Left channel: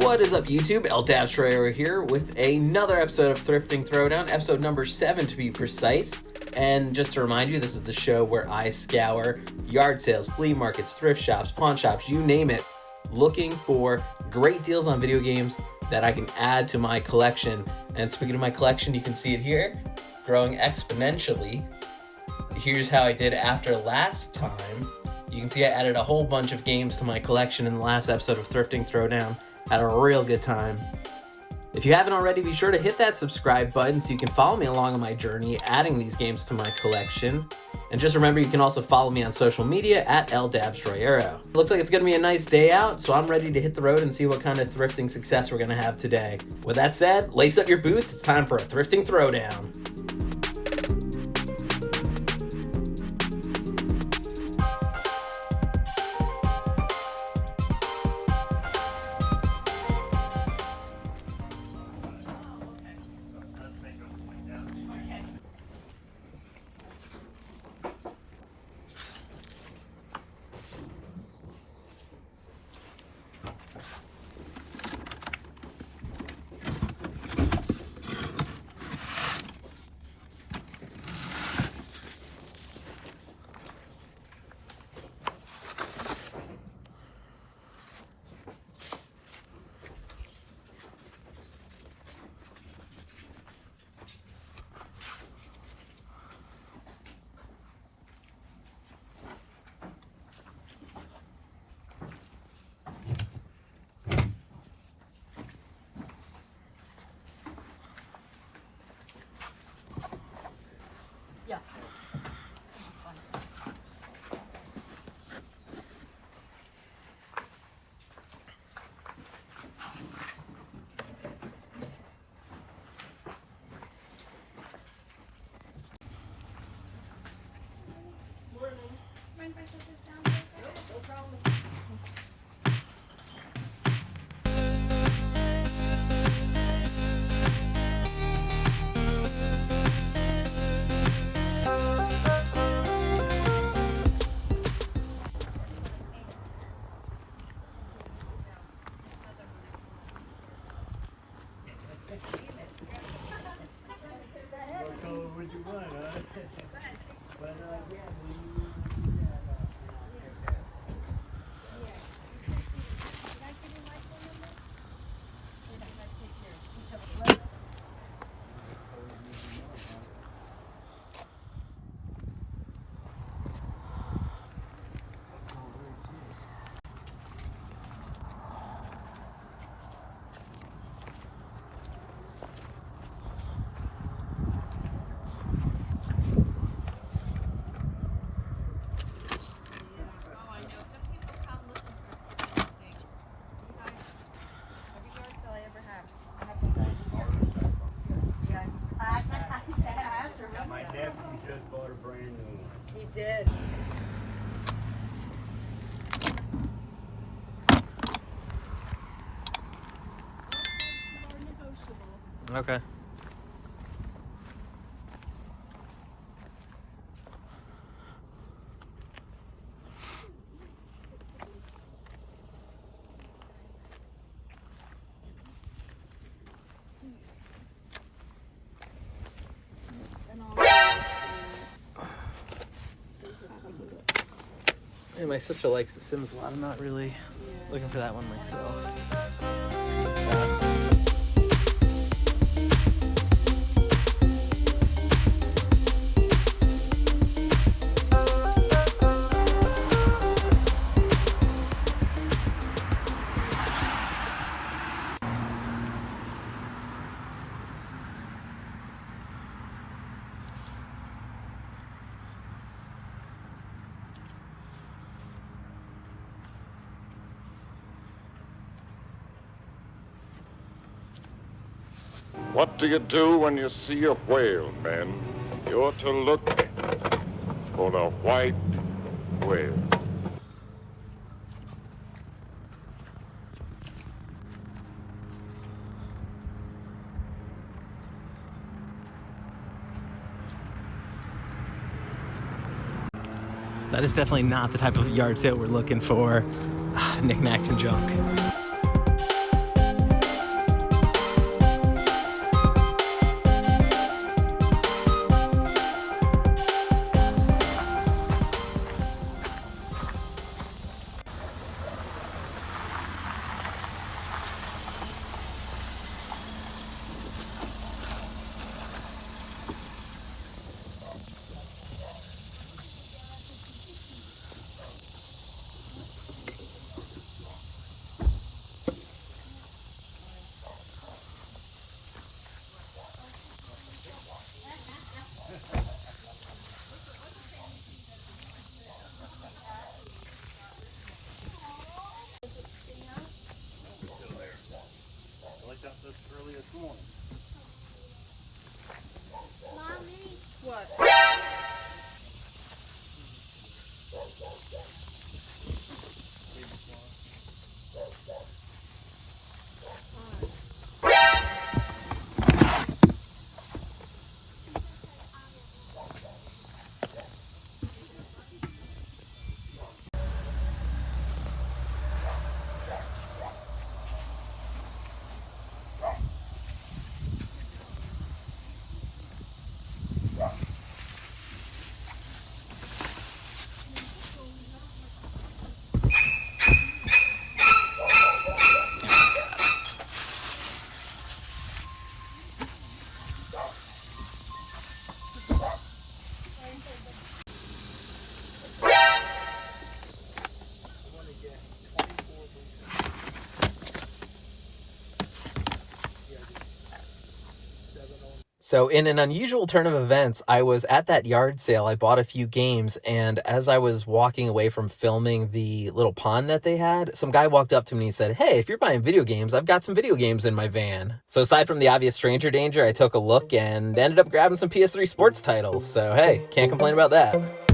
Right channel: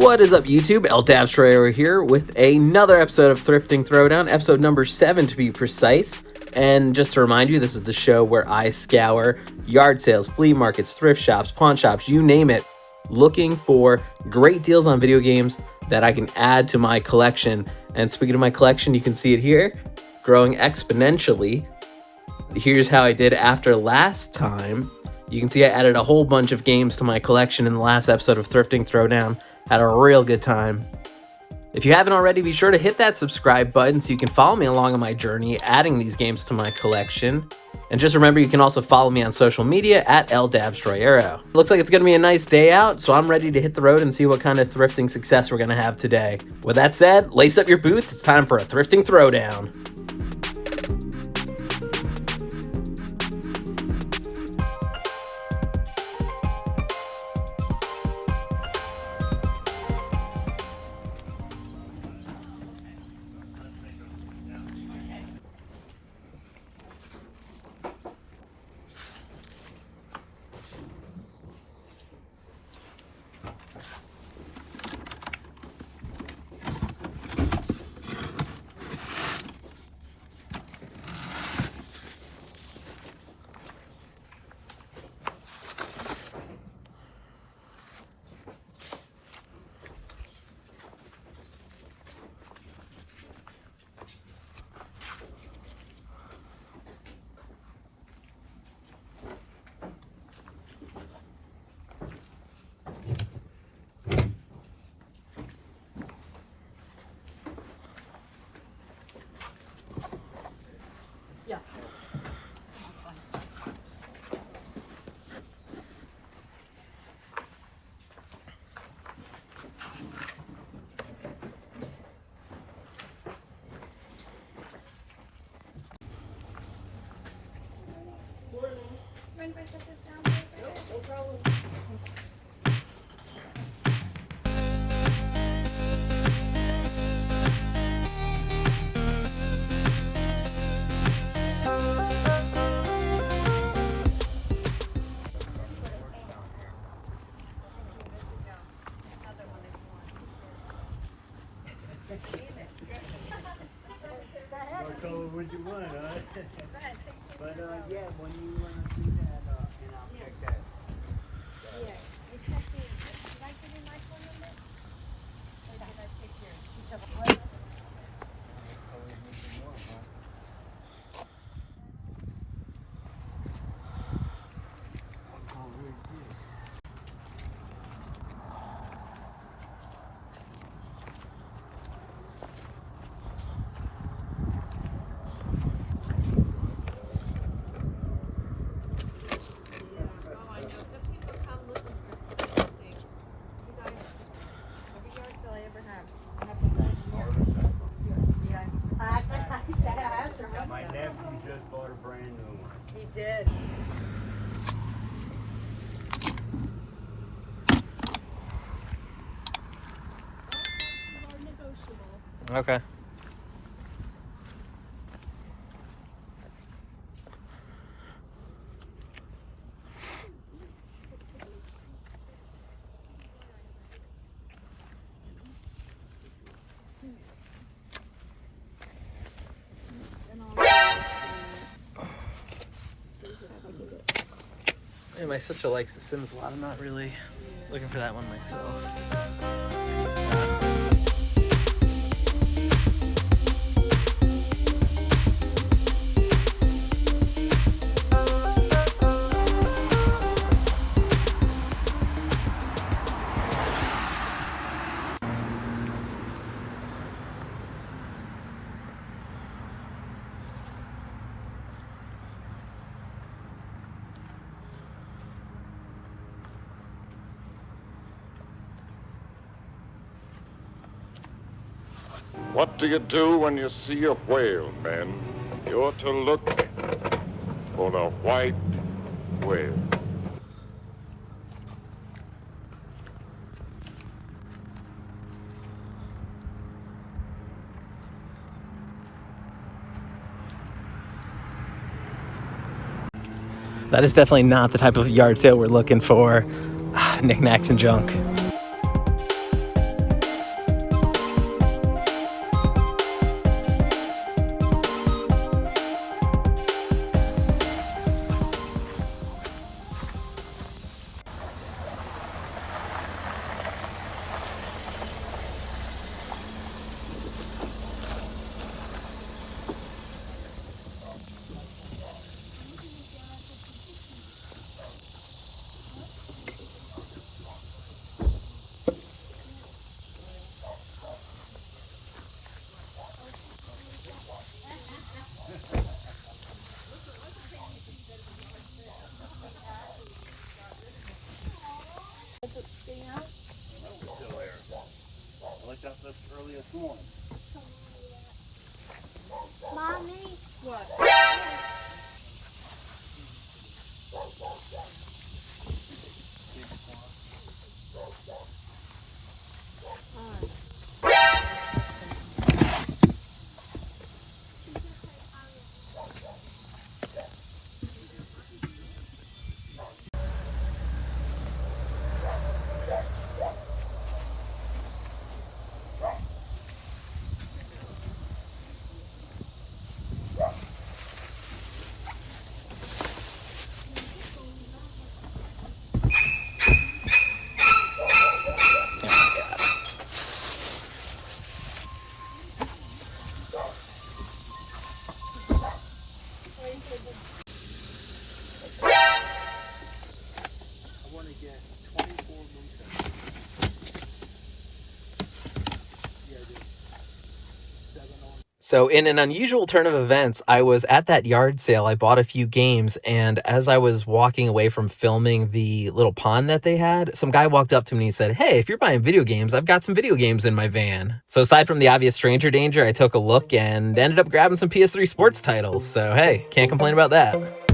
What is up, YouTube? Dabstroyero here with another episode of Thrifting Throwdown, episode number 7 to be precise. And just to remind you, this is the show where I scour yard sales, flea markets, thrift shops, pawn shops, you name it, looking for great deals on video games that I can add to my collection. And speaking of my collection, you can see it here, growing exponentially. Here's how I did after last time. You can see I added a whole bunch of games to my collection in the last episode of Thrifting Throwdown. Had a real good time. If you haven't already, be sure to hit that subscribe button so you can follow me along on my journey adding these games to my collection. And just remember, you can also follow me on social media at Dabstroyero. Looks like it's going to be a nice day out, so I'm ready to hit the road and see what kind of thrifting success we're going to have today. With that said, lace up your boots. It's time for a Thrifting Throwdown. Okay. Yeah, my sister likes The Sims a lot. I'm not really looking for that one myself. What do you do when you see a whale, men? You're to look for the white whale. That is definitely not the type of yard sale we're looking for. Knickknacks and junk. got this early this morning. Mommy. What? So in an unusual turn of events, I was at that yard sale. I bought a few games, and as I was walking away from filming the little pond that they had, some guy walked up to me and he said, "Hey, if you're buying video games, I've got some video games in my van." So aside from the obvious stranger danger, I took a look and ended up grabbing some PS3 sports titles. So hey, can't complain about that.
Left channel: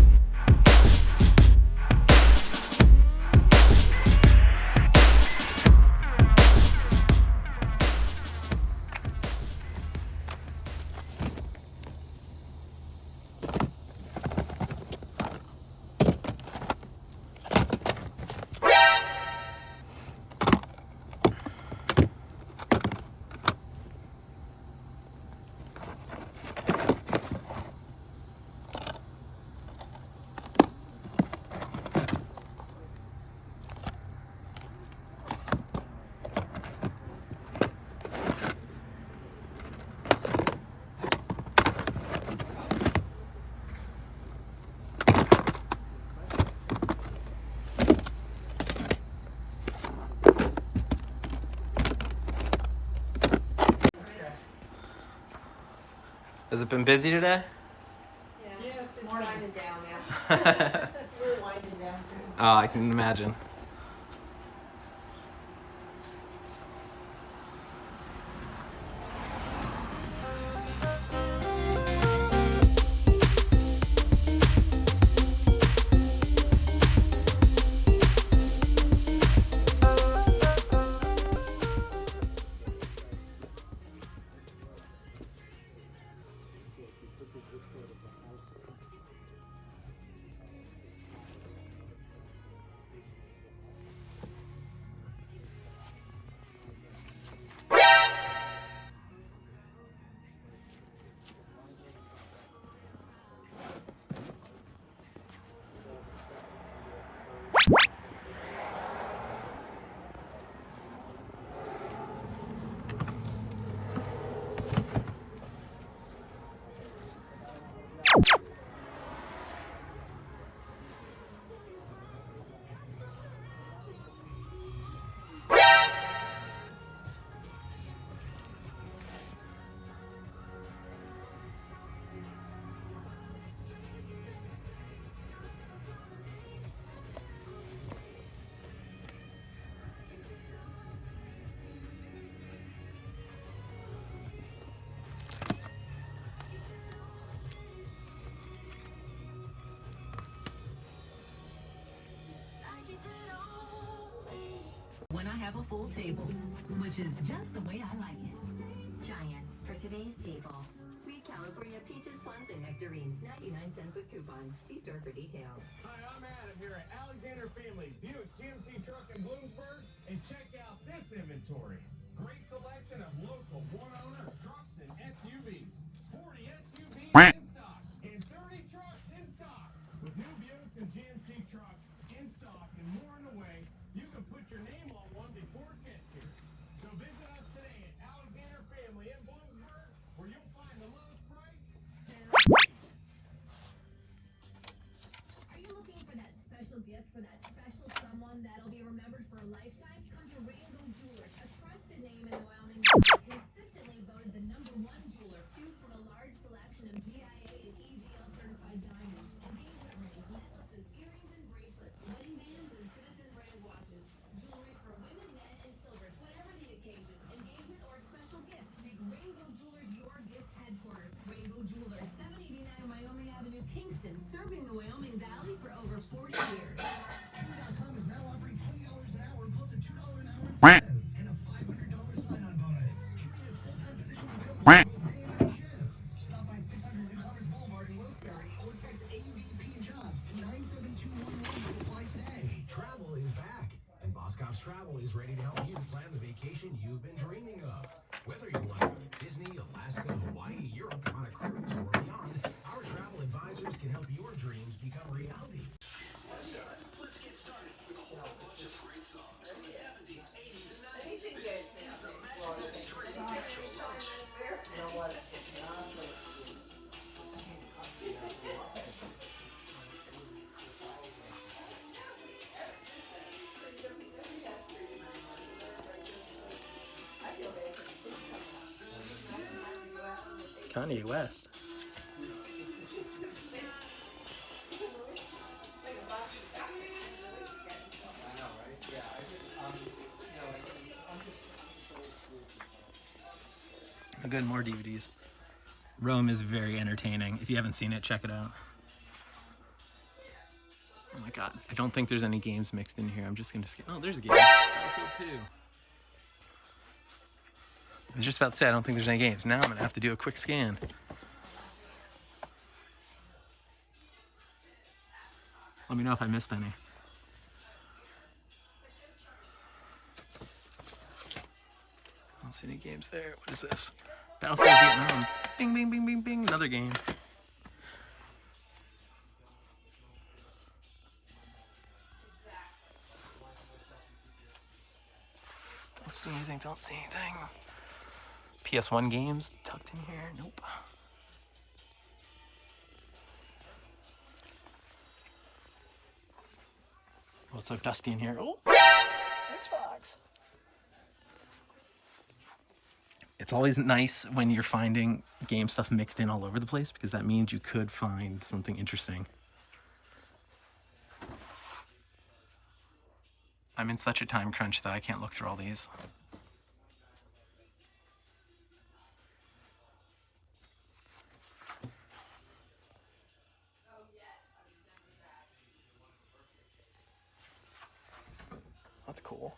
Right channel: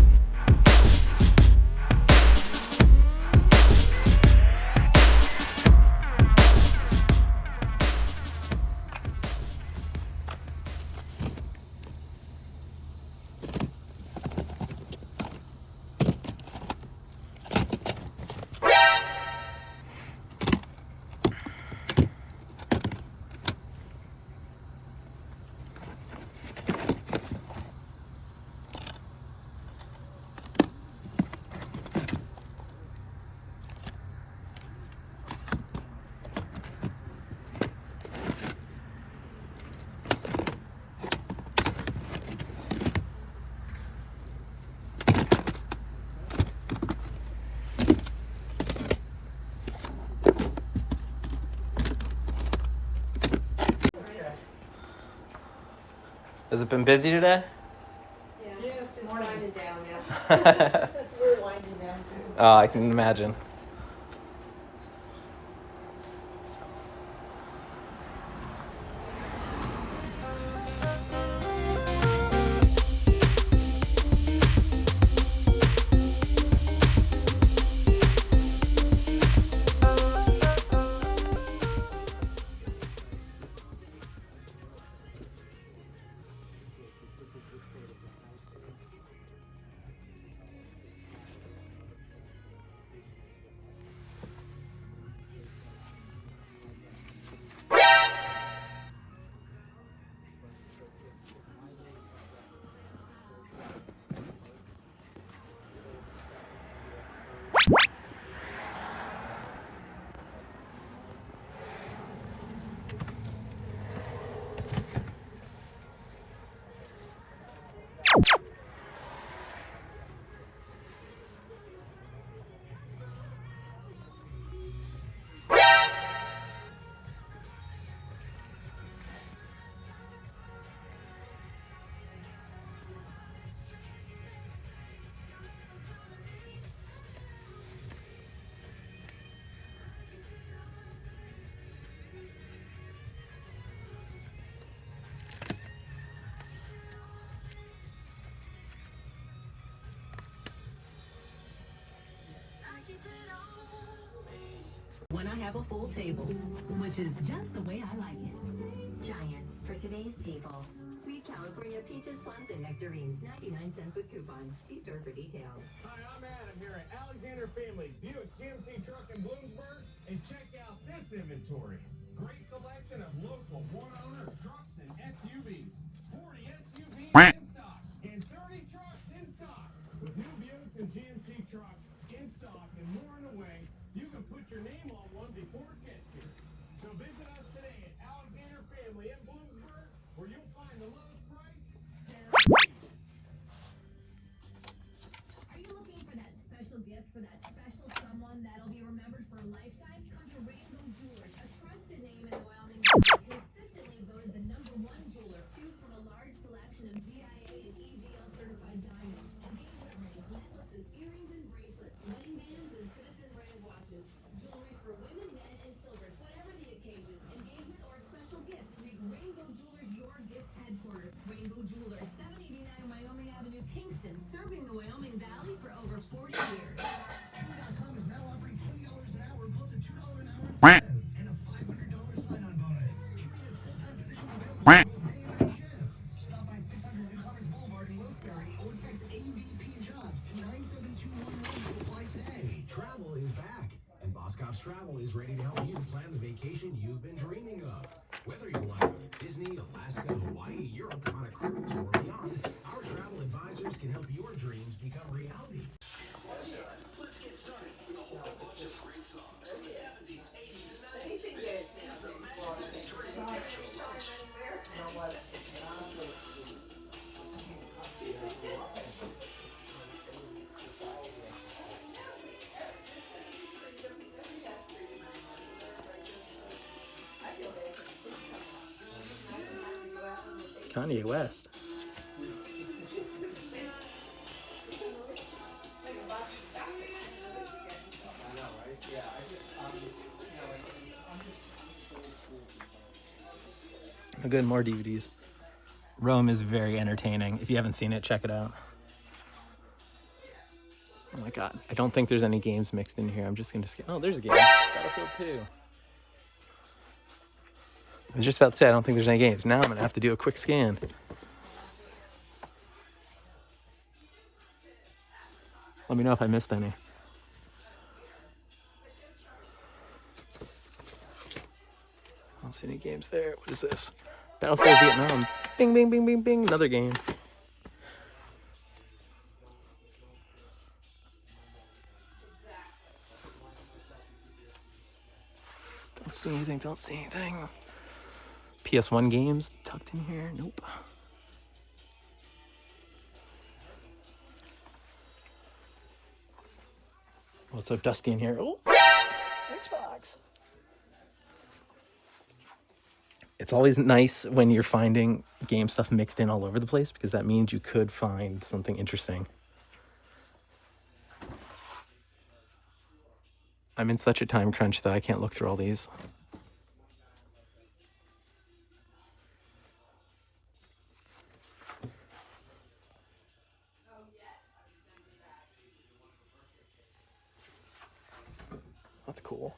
Has it been busy today? Yeah, it's just winding down now. Oh, I can imagine. When I have a full table, which is just the way I like it. Giant for today's table. Sweet California peaches, plums, and nectarines. 99 cents with coupon. See store for details. Hi, I'm Adam here at Alexander Family, Buick, GMC Truck in Bloomsburg, and check out this inventory. Great selection of local one-owner trucks and SUVs. 40 SUVs in stock and 30 trucks in stock. With new Buicks and GMC trucks in stock and more in the way, you can put your name on one before it gets here. So visit us today at Alexander Family in Bloomsburg, where you'll find the lowest price. Are you looking for that special gift for that special someone that'll be remembered for a lifetime? Come to Rainbow Jewelers, a trusted name in Wyoming. Consistently voted the #1 jeweler. Choose from a large selection of GIA and EGL certified diamonds, engagement rings, necklaces, earrings and bracelets, wedding bands and citizen brand watches, jewelry for women, men, and children, whatever the occasion. Engagements are Kingston, serving the Wyoming Valley for over 40 years. Travel is back, and Boss Cops Travel is ready to help you plan the vacation you've been dreaming of. Whether you want to go to Disney, Alaska, Hawaii, Europe, on a cruise, or beyond, our travel advisors can help your dreams become reality. Kanye West. Good, more DVDs. Rome is very entertaining. If you haven't seen it, check it out. Oh my god. I don't think there's any games mixed in here. I'm just gonna skip. Oh, there's a game. Battlefield 2. I was just about to say, I don't think there's any games. Now I'm gonna have to do a quick scan. Let me know if I missed any. I don't see any games there. What is this? Battlefield Vietnam. Bing, bing, bing, bing, bing. Another game. Don't see anything, don't see anything. PS1 games tucked in here? Nope. Oh, it's so dusty in here. Oh, Xbox. It's always nice when you're finding game stuff mixed in all over the place, because that means you could find something interesting. I'm in such a time crunch that I can't look through all these. That's cool.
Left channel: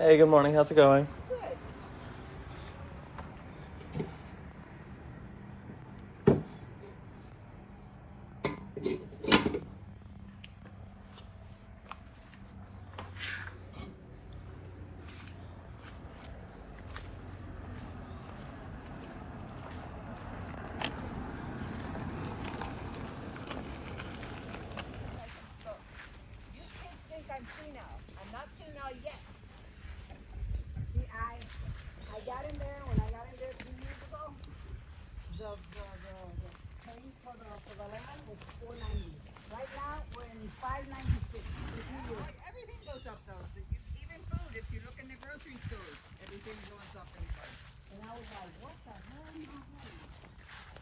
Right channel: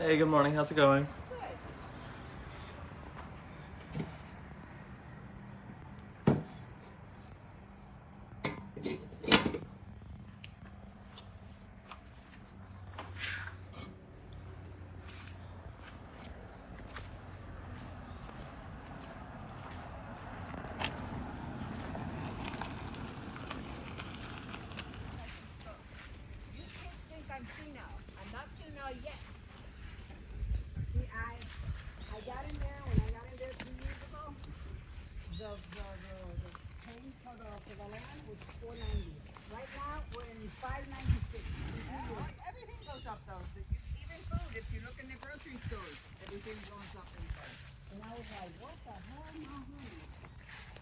Hey, good morning. How's it going? if you look in the grocery stores, everything goes up in price. And I was like, what the hell?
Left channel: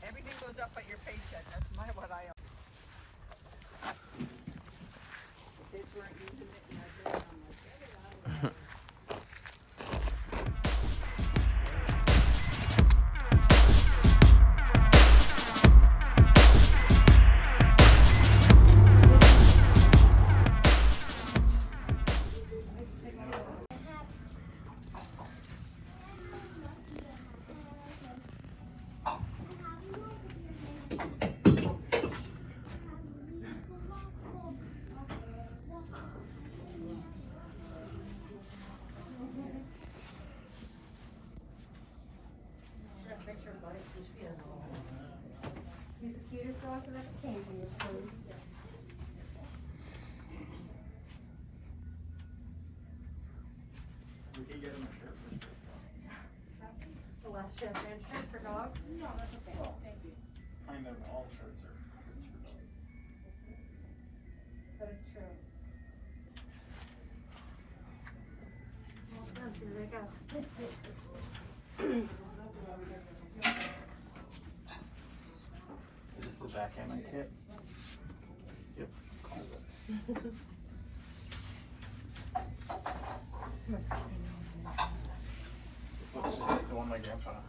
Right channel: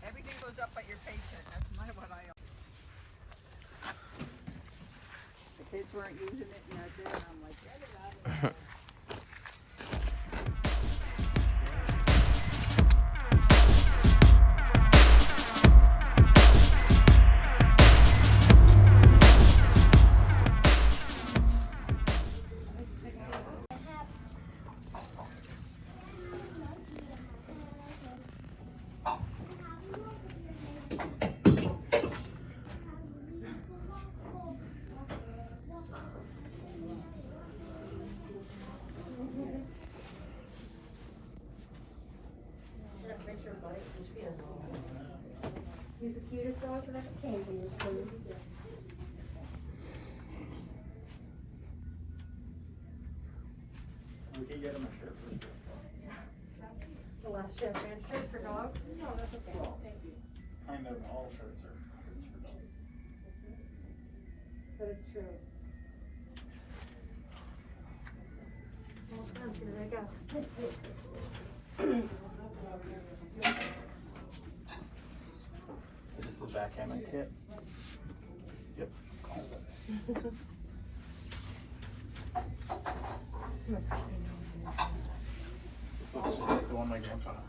Everything goes up but your paycheck. That's what I. The kids weren't using it, and I did. I'm like, He's the cutest dog I've ever seen. We can get him a shirt for this. The last shirt for dogs? No, that's okay. Thank you. I know all shirts are. That is true. Well, here we go. This is the backgammon kit. Yep. This looks just like the one my grandpa had.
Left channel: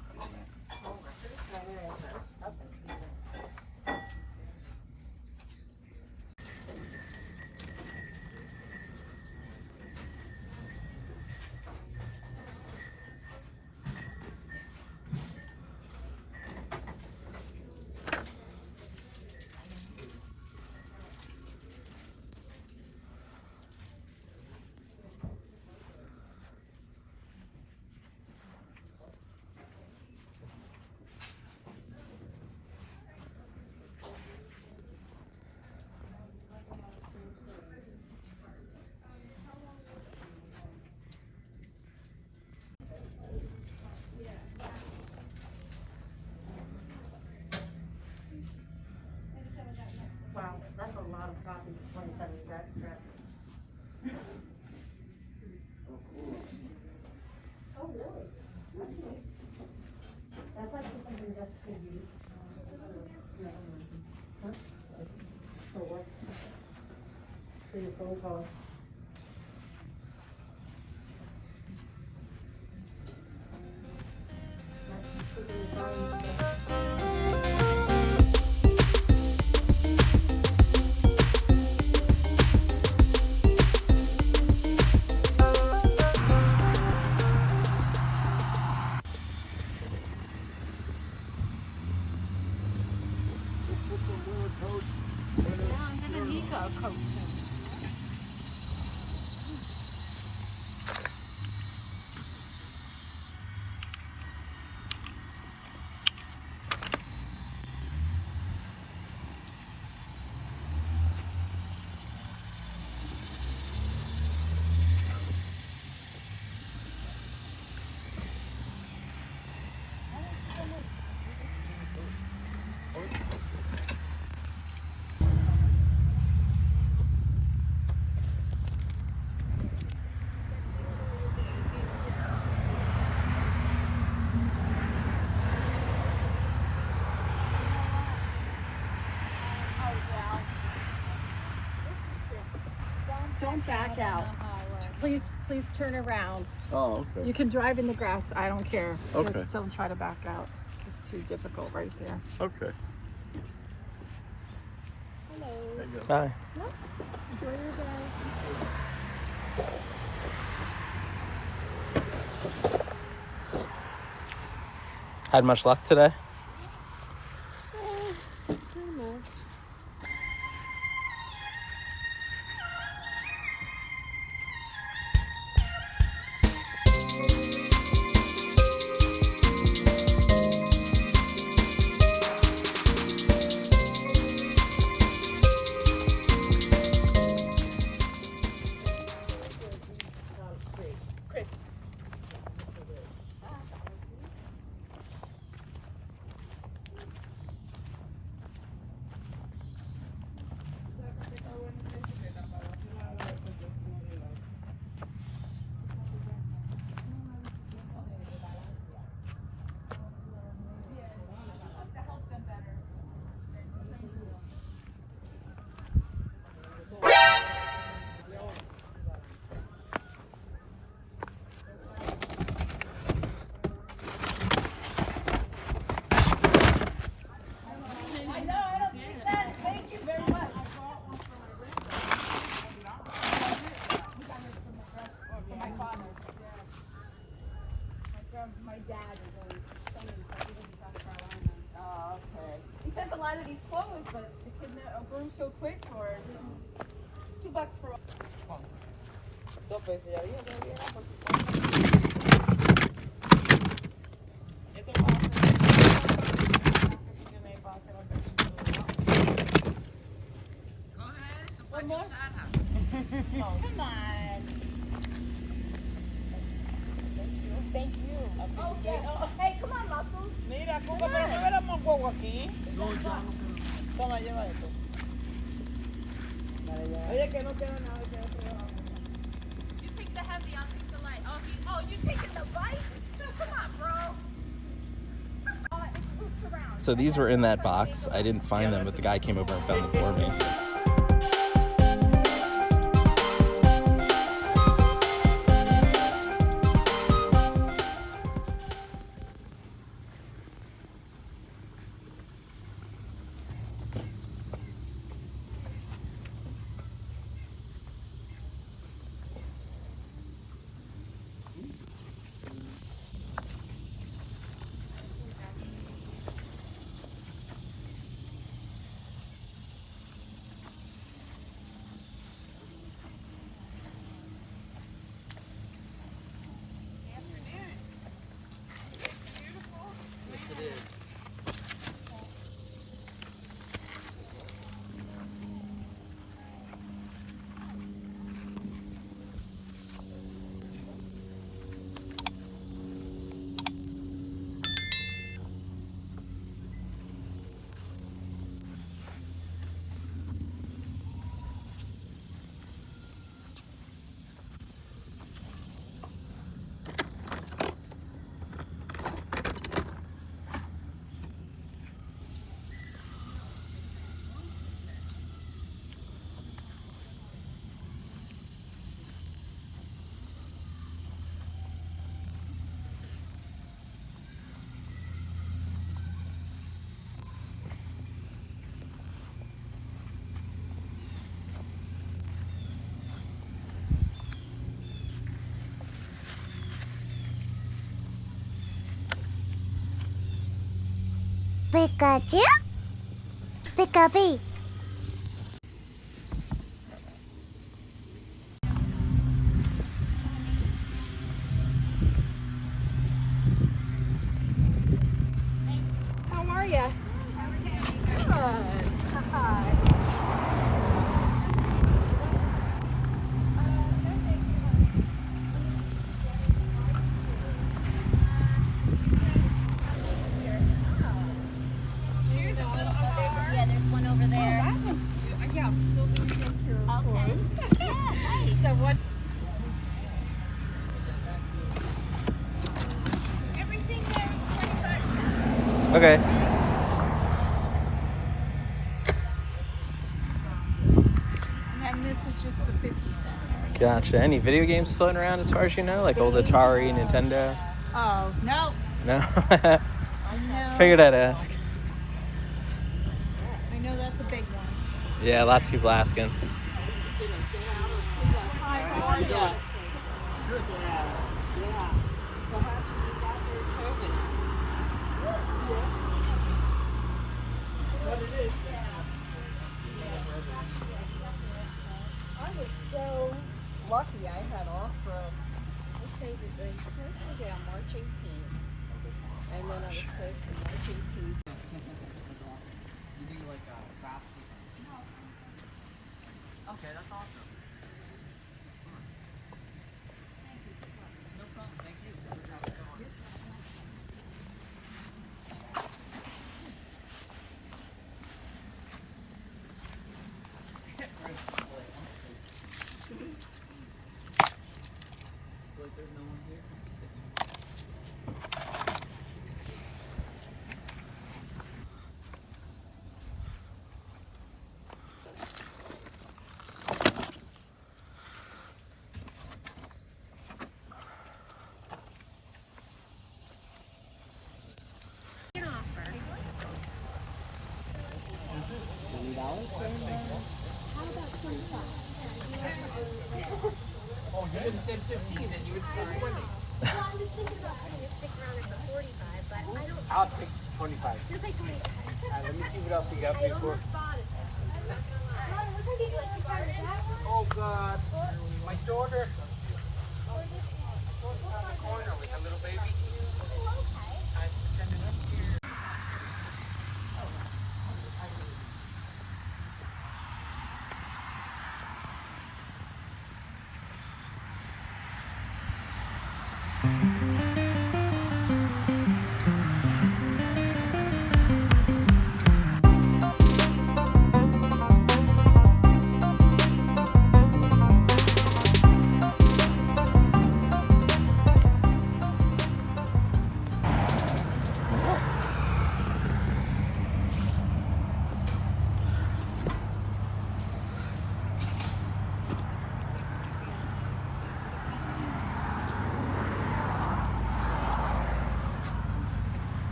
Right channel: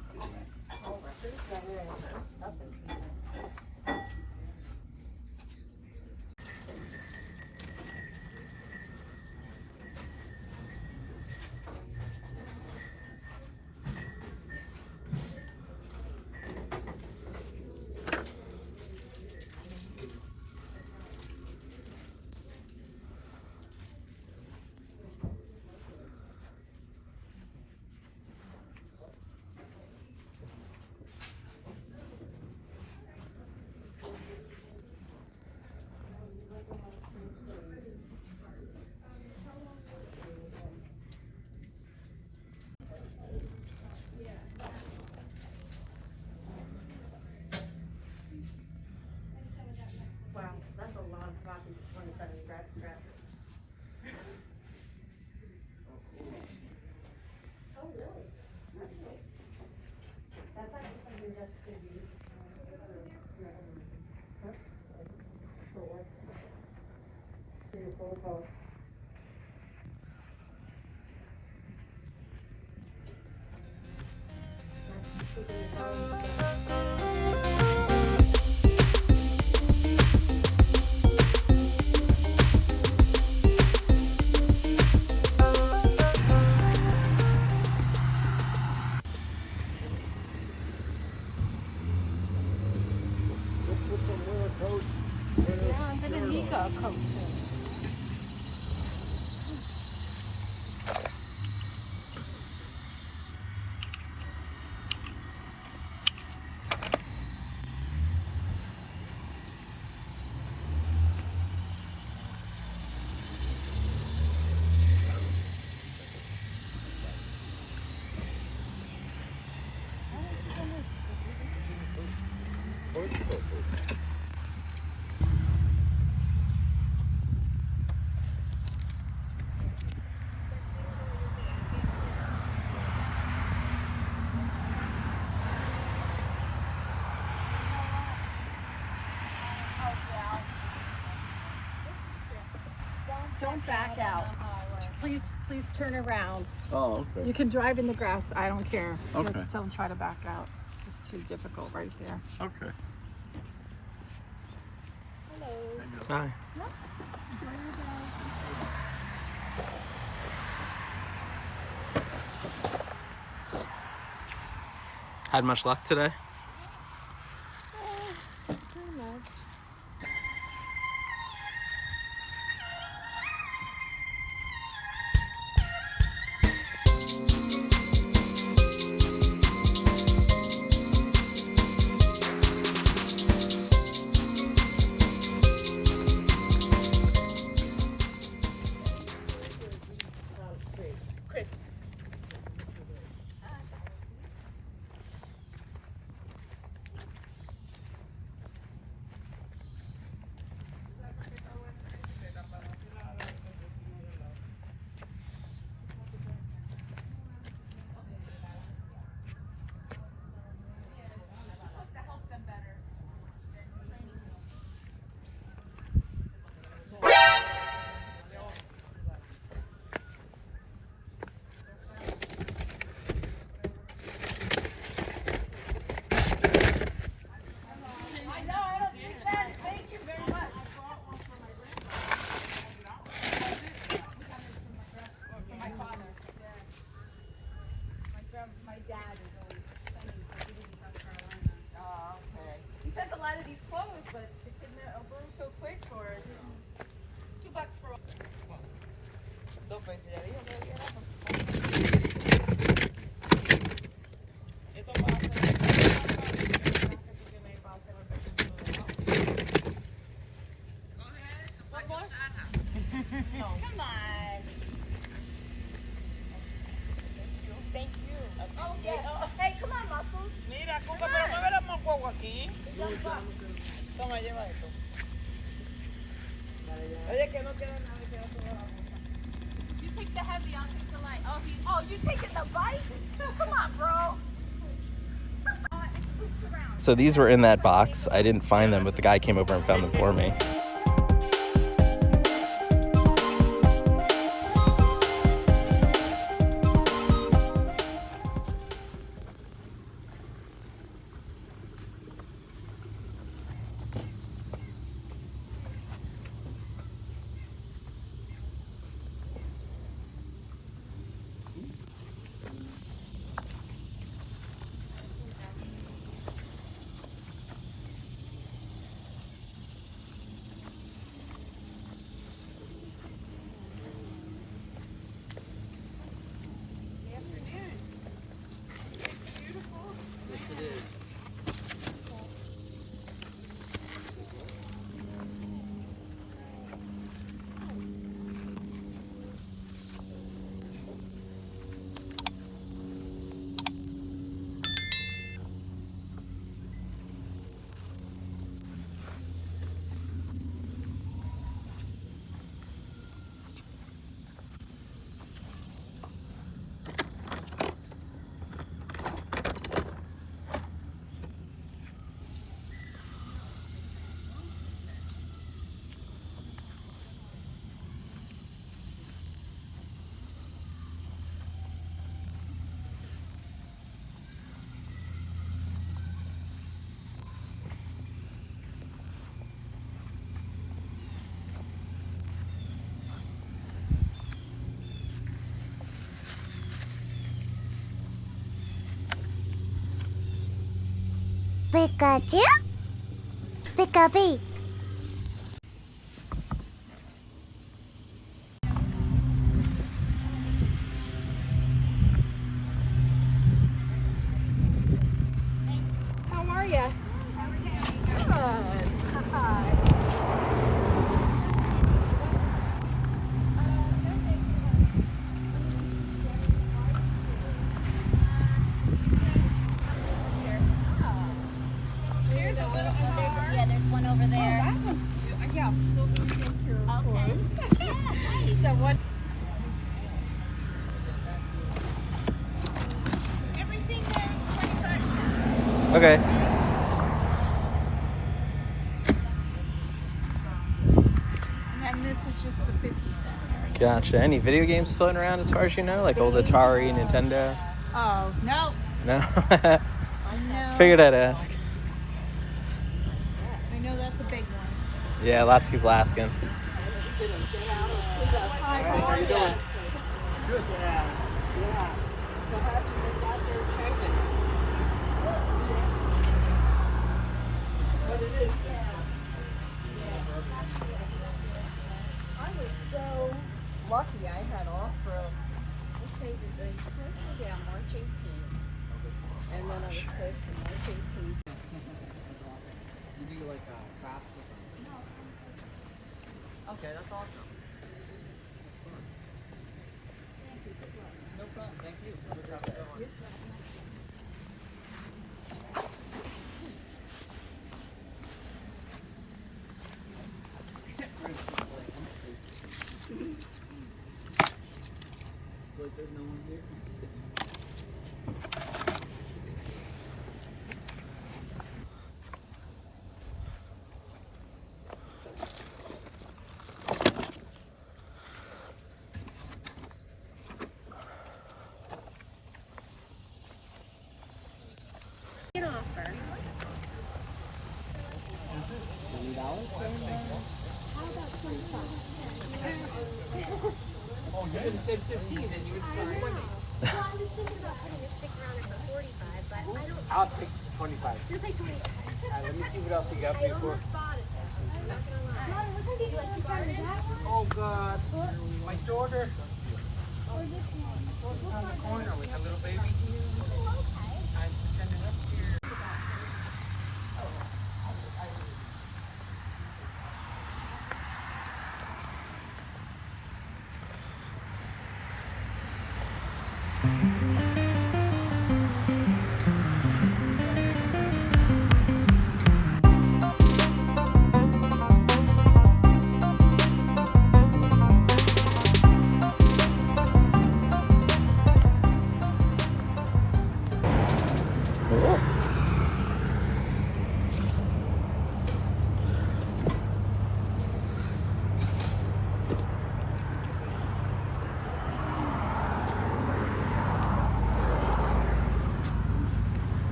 Wow, that's a lot of copies of 27 dresses. Oh, really? Okay. That's actually something just could use. Huh? For what? For your phone calls. Yeah, I'm gonna need a coat soon. don't back out. Please turn around. Oh, okay. You can drive in the grass. I don't care. Okay. Just don't try to back out. It's just too difficult right there. Okay. Hi. Had much luck today? dad is always sending stuff. He doesn't talk about on them. Oh, okay. He sent a lot of these clothes, but the kid grew so quick for it. $2 for all. Dos veces ya dije que era. Come on. Thank you. Oh, yeah. Oh, hey, come on, Muscles. Mira, Cuca, pero mueve la mocogo aquí. Toma, lleva esto. Oye, que no queda nada, que no queda nada. You take the heavy, I'll take the light. Oh, you taking the light? Come on, bro. So these were in that box. I didn't find them, but the guy came over and found them for me. Pikachu? Pikachu. How are you? Yeah, there's one over there. That one's cute. Yeah, I'm still looking at your clothes. Nice. So what? Okay. And this is just the 50 cent. Gotcha. Any video games floating around as far as you know? Like old Atari, Nintendo? Oh, no. No? No. Figured I'd ask. I know that's a big one. Yeah, lots of people asking. How are you? I was so lucky I had off from, what day is it? It was supposed to be on March 18th. And then it was supposed to be March 18th. I'll take 25. Let me see what else we got here for.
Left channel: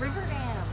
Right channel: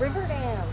Riverdale.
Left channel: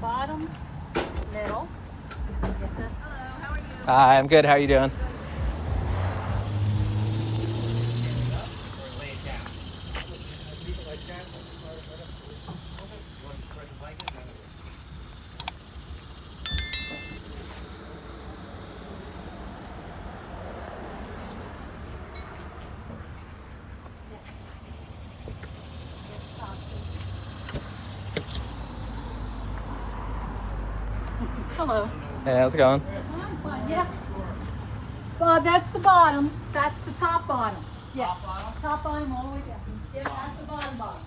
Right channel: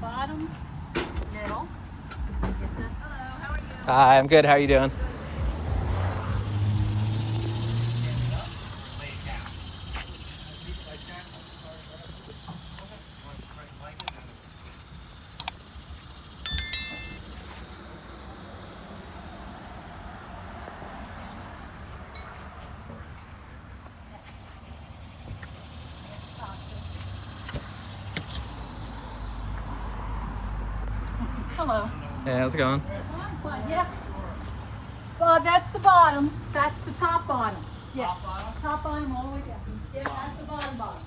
Bottom, middle. Hi, I'm good. How are you doing? Hello. Hey, how's it going? That's the bottoms. That's the top bottom. Yeah. Top bottom all the way down. Yeah, that's the bottom bottom.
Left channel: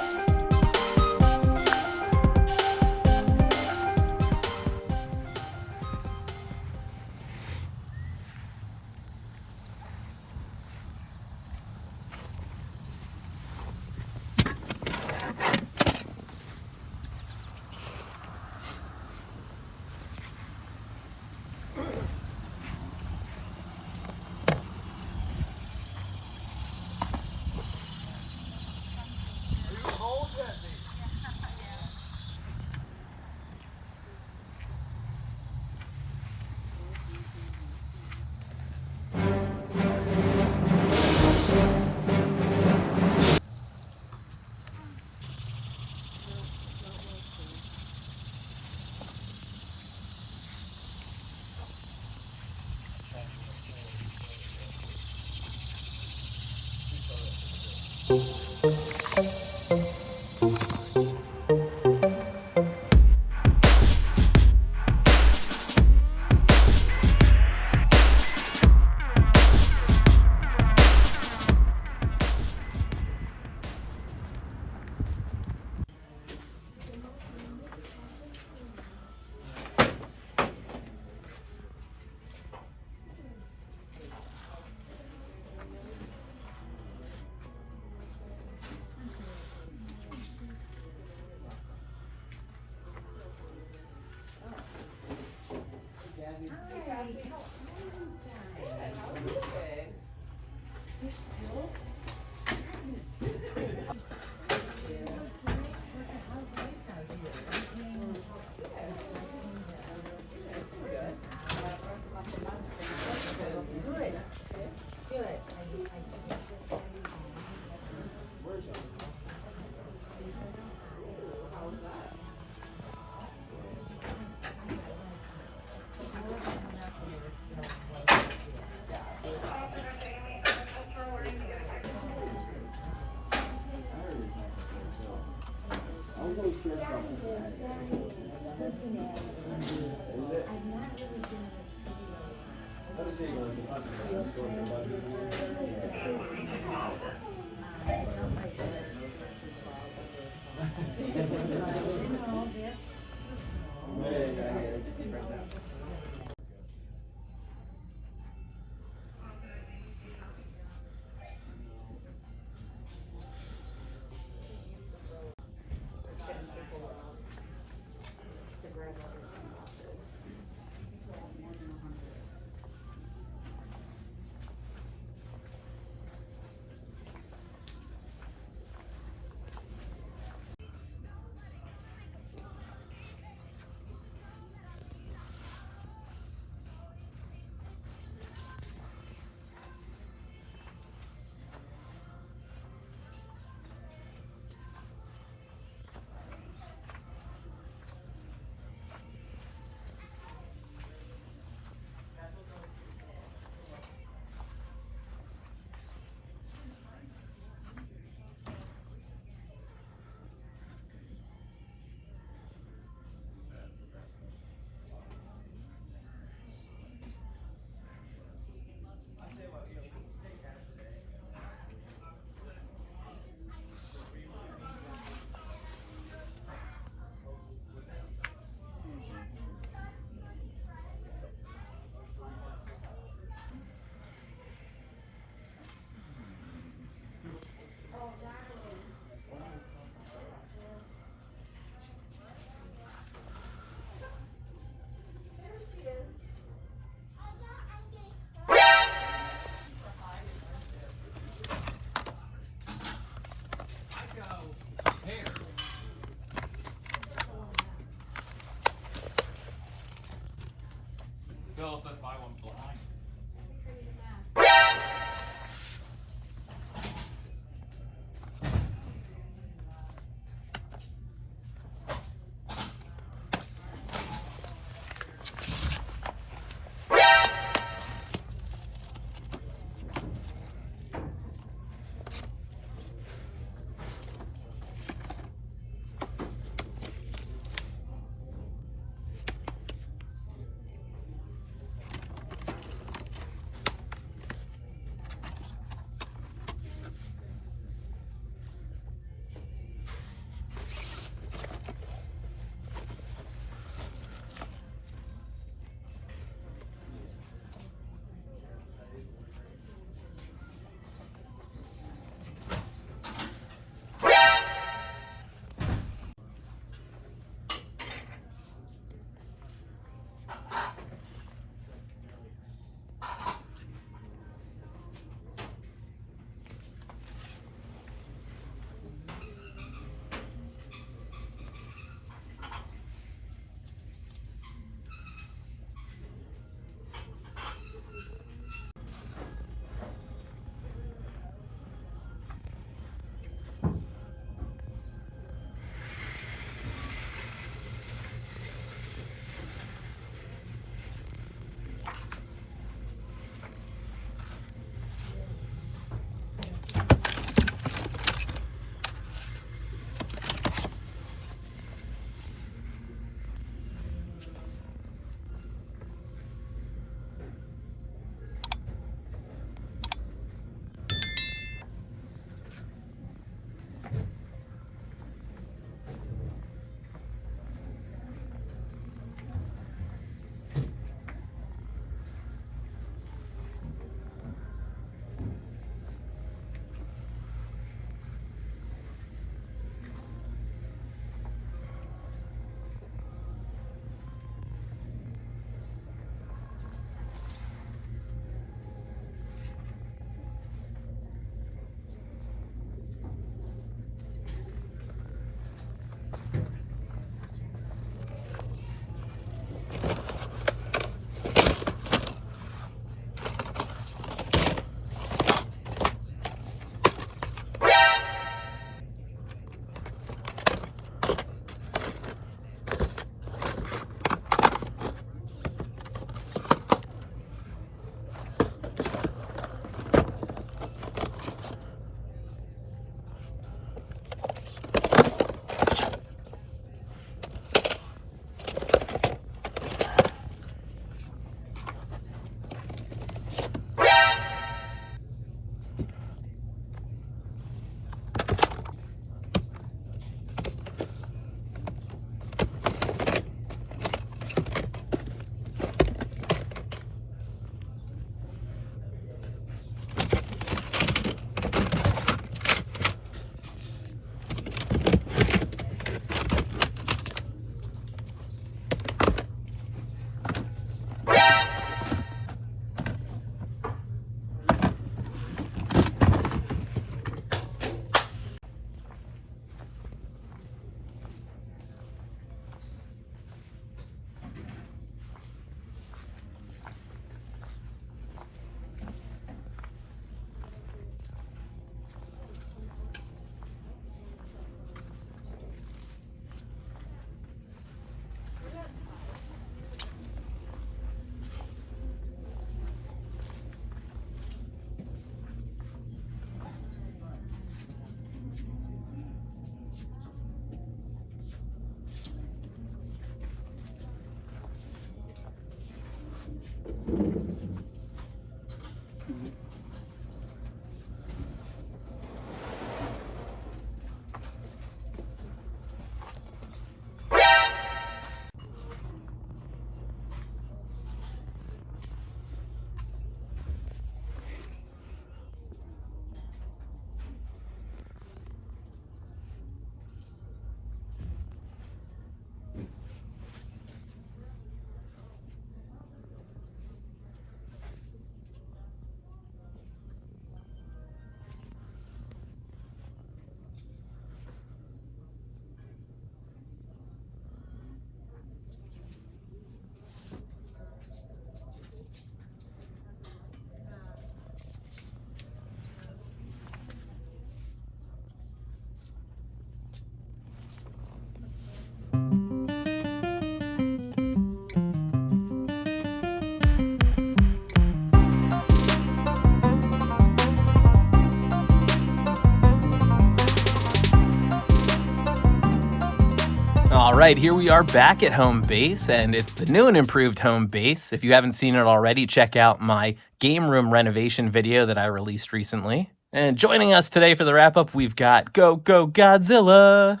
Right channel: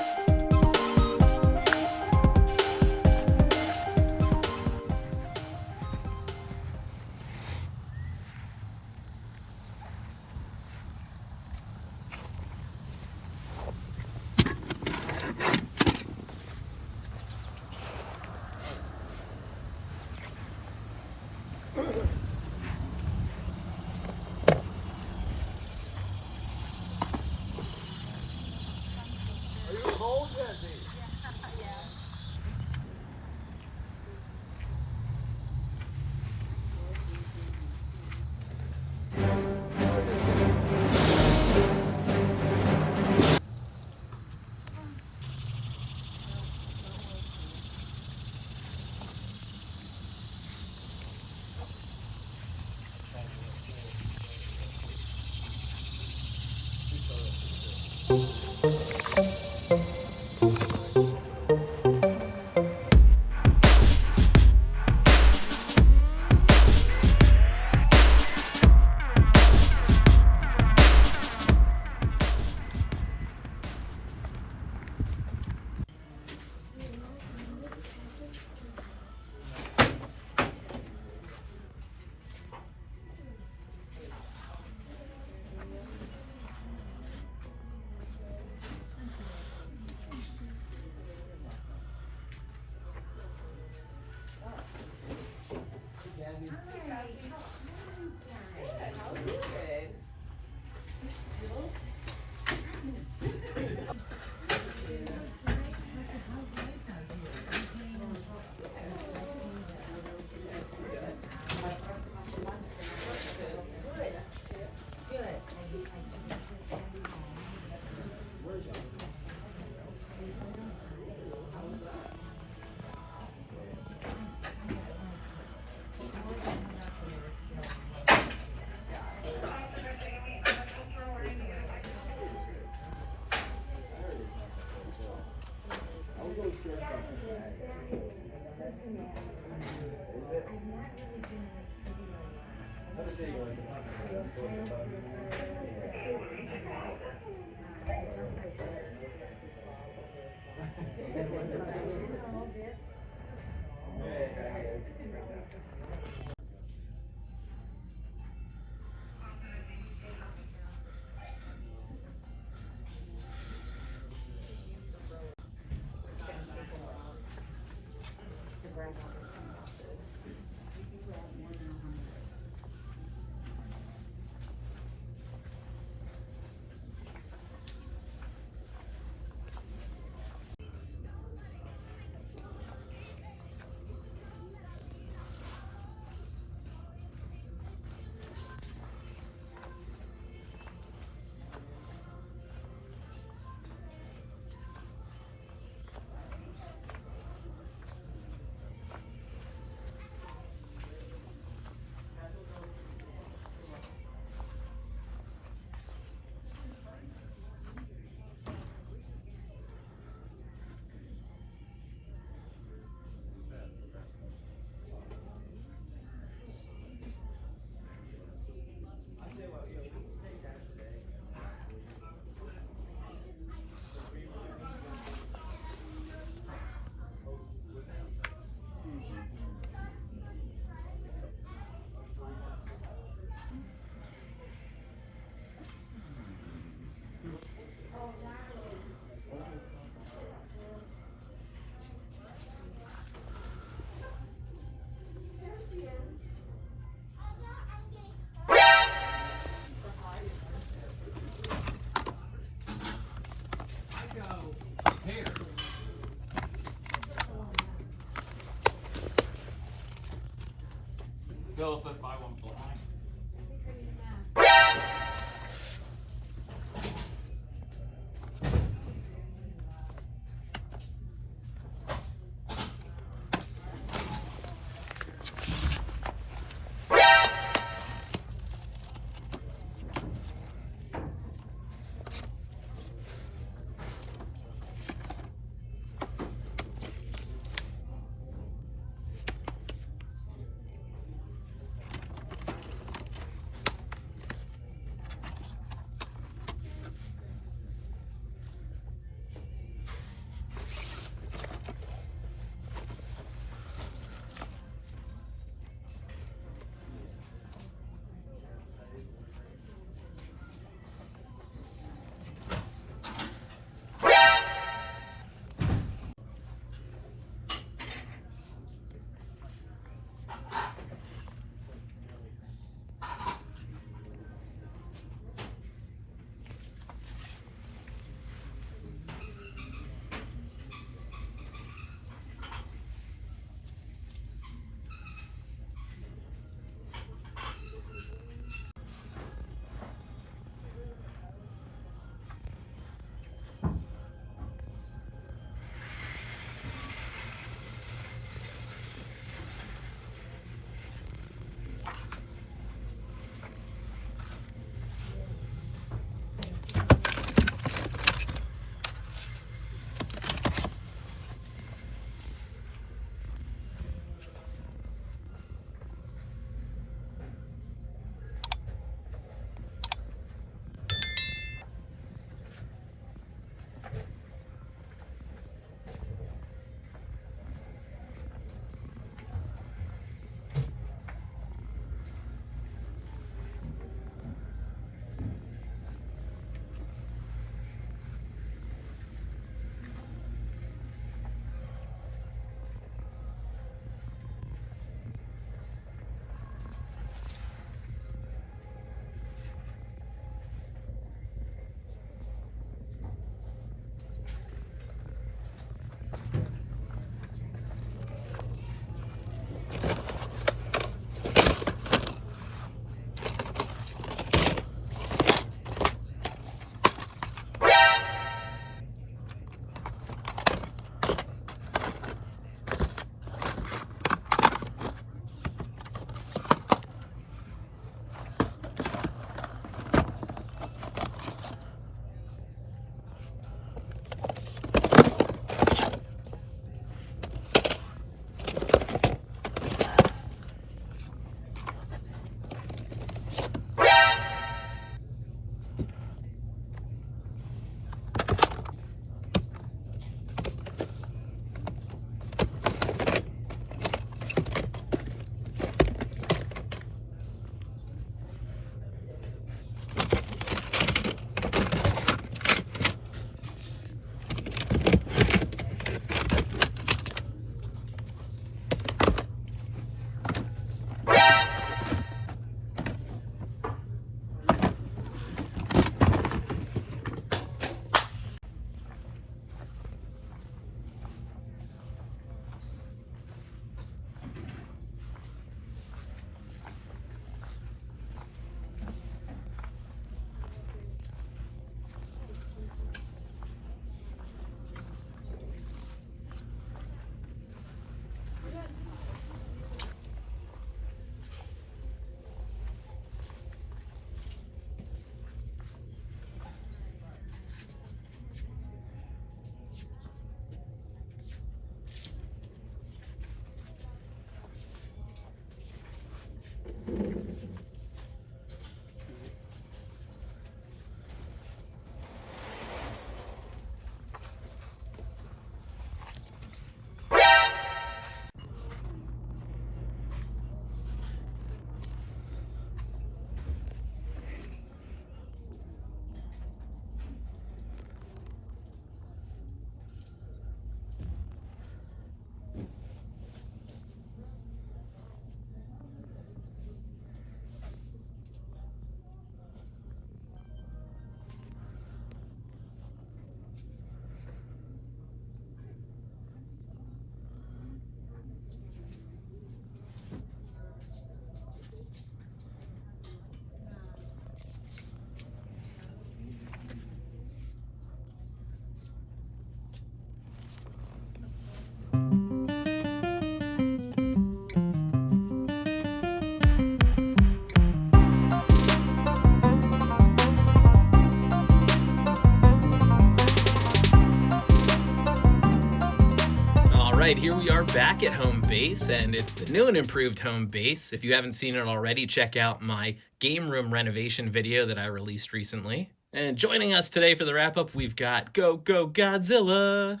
right, here we are back at home base, and it's the new and improved home base. If you haven't seen it already, check out my game room renovation video that I released recently. And joining us today for the wrap-up, we've got Go Godzilla!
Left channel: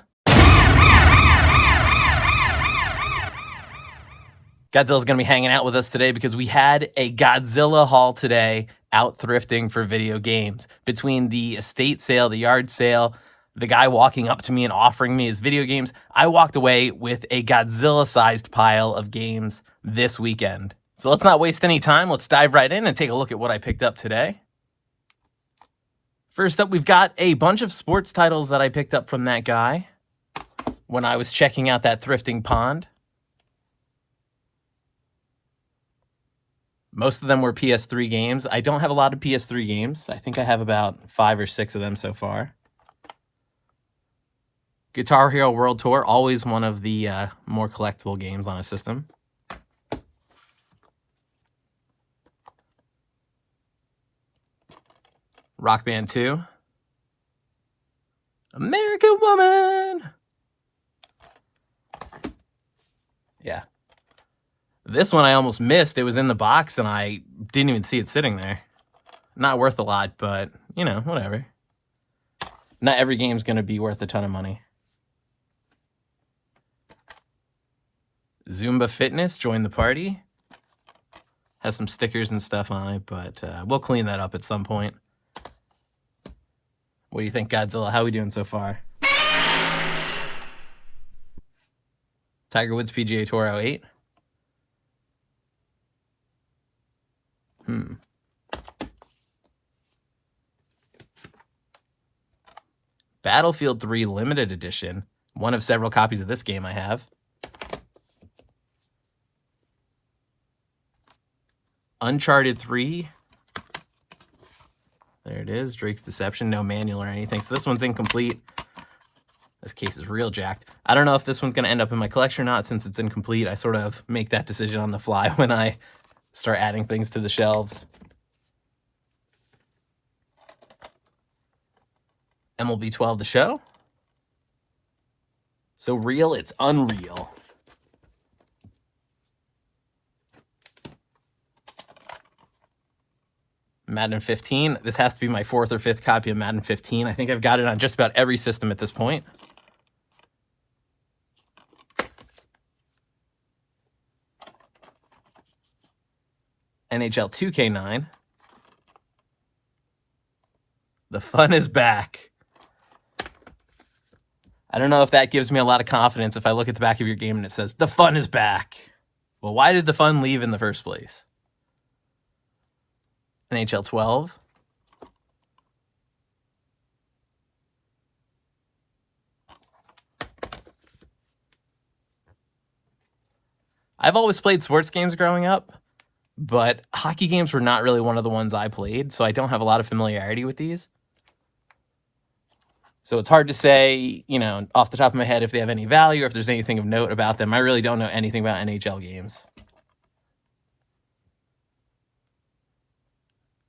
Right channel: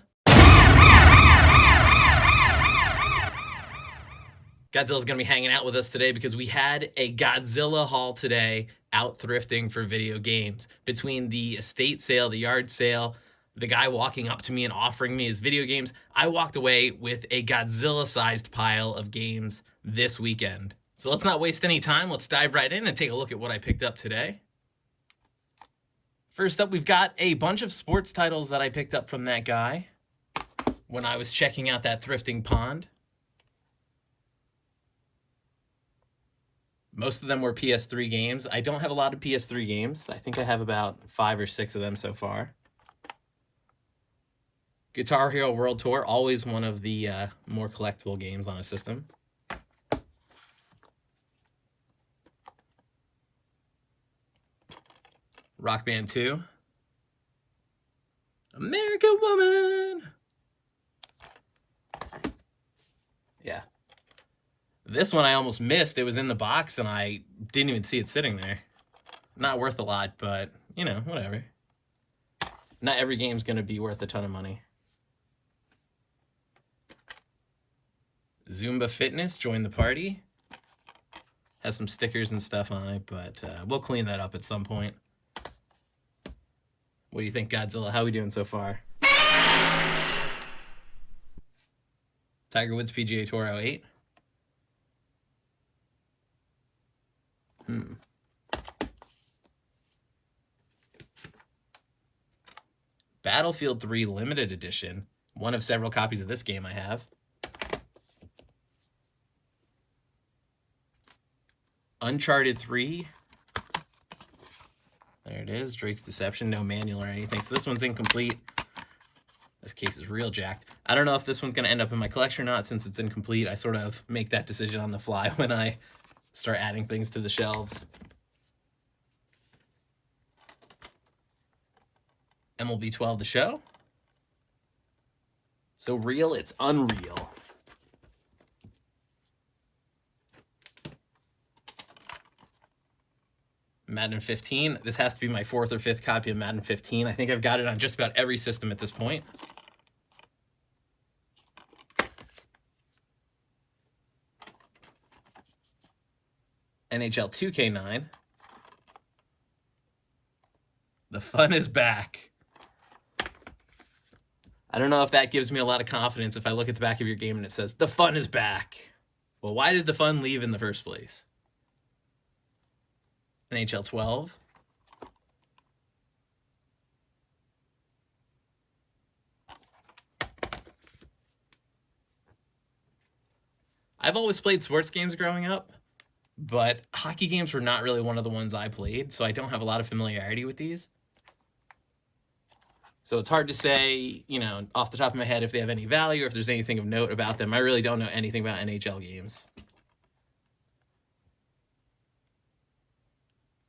Godzilla's going to be hanging out with us today because we had a Godzilla haul today out thrifting for video games. Between the estate sale, the yard sale, the guy walking up to me and offering me his video games, I walked away with a Godzilla-sized pile of games this weekend. So let's not waste any time. Let's dive right in and take a look at what I picked up today. First up, we've got a bunch of sports titles that I picked up from that guy when I was checking out that thrifting pond. Most of them were PS3 games. I don't have a lot of PS3 games. I think I have about 5 or 6 of them so far. Guitar Hero World Tour, always one of the more collectible games on a system. Rock Band 2. American Woman! Yeah. This one I almost missed. It was in the box and I didn't even see it sitting there. Not worth a lot, but, you know, whatever. Not every game's going to be worth a ton of money. Zumba Fitness, join the party. Has some stickers and stuff on it, but we'll clean that up at some point. What do you think, Godzilla? How are we doing so far? Tiger Woods PGA Tour 08. Battlefield 3 Limited Edition. One of several copies of this game I have. Uncharted 3. There it is. Drake's Deception. No manual or anything. So this one's incomplete. This case is real jacked. I don't know if this one's going to end up in my collection or not since it's incomplete. I sort of make that decision on the fly when I start adding things to the shelves. MLB 12 The Show. So real, it's unreal. Madden 15. This has to be my 4th or 5th copy of Madden 15. I think I've got it on just about every system at this point. NHL 2K9. The fun is back. I don't know if that gives me a lot of confidence if I look at the back of your game and it says, the fun is back. Well, why did the fun leave in the first place? NHL 12. I've always played sports games growing up, but hockey games were not really one of the ones I played, so I don't have a lot of familiarity with these. So it's hard to say, you know, off the top of my head if they have any value or if there's anything of note about them. I really don't know anything about NHL games.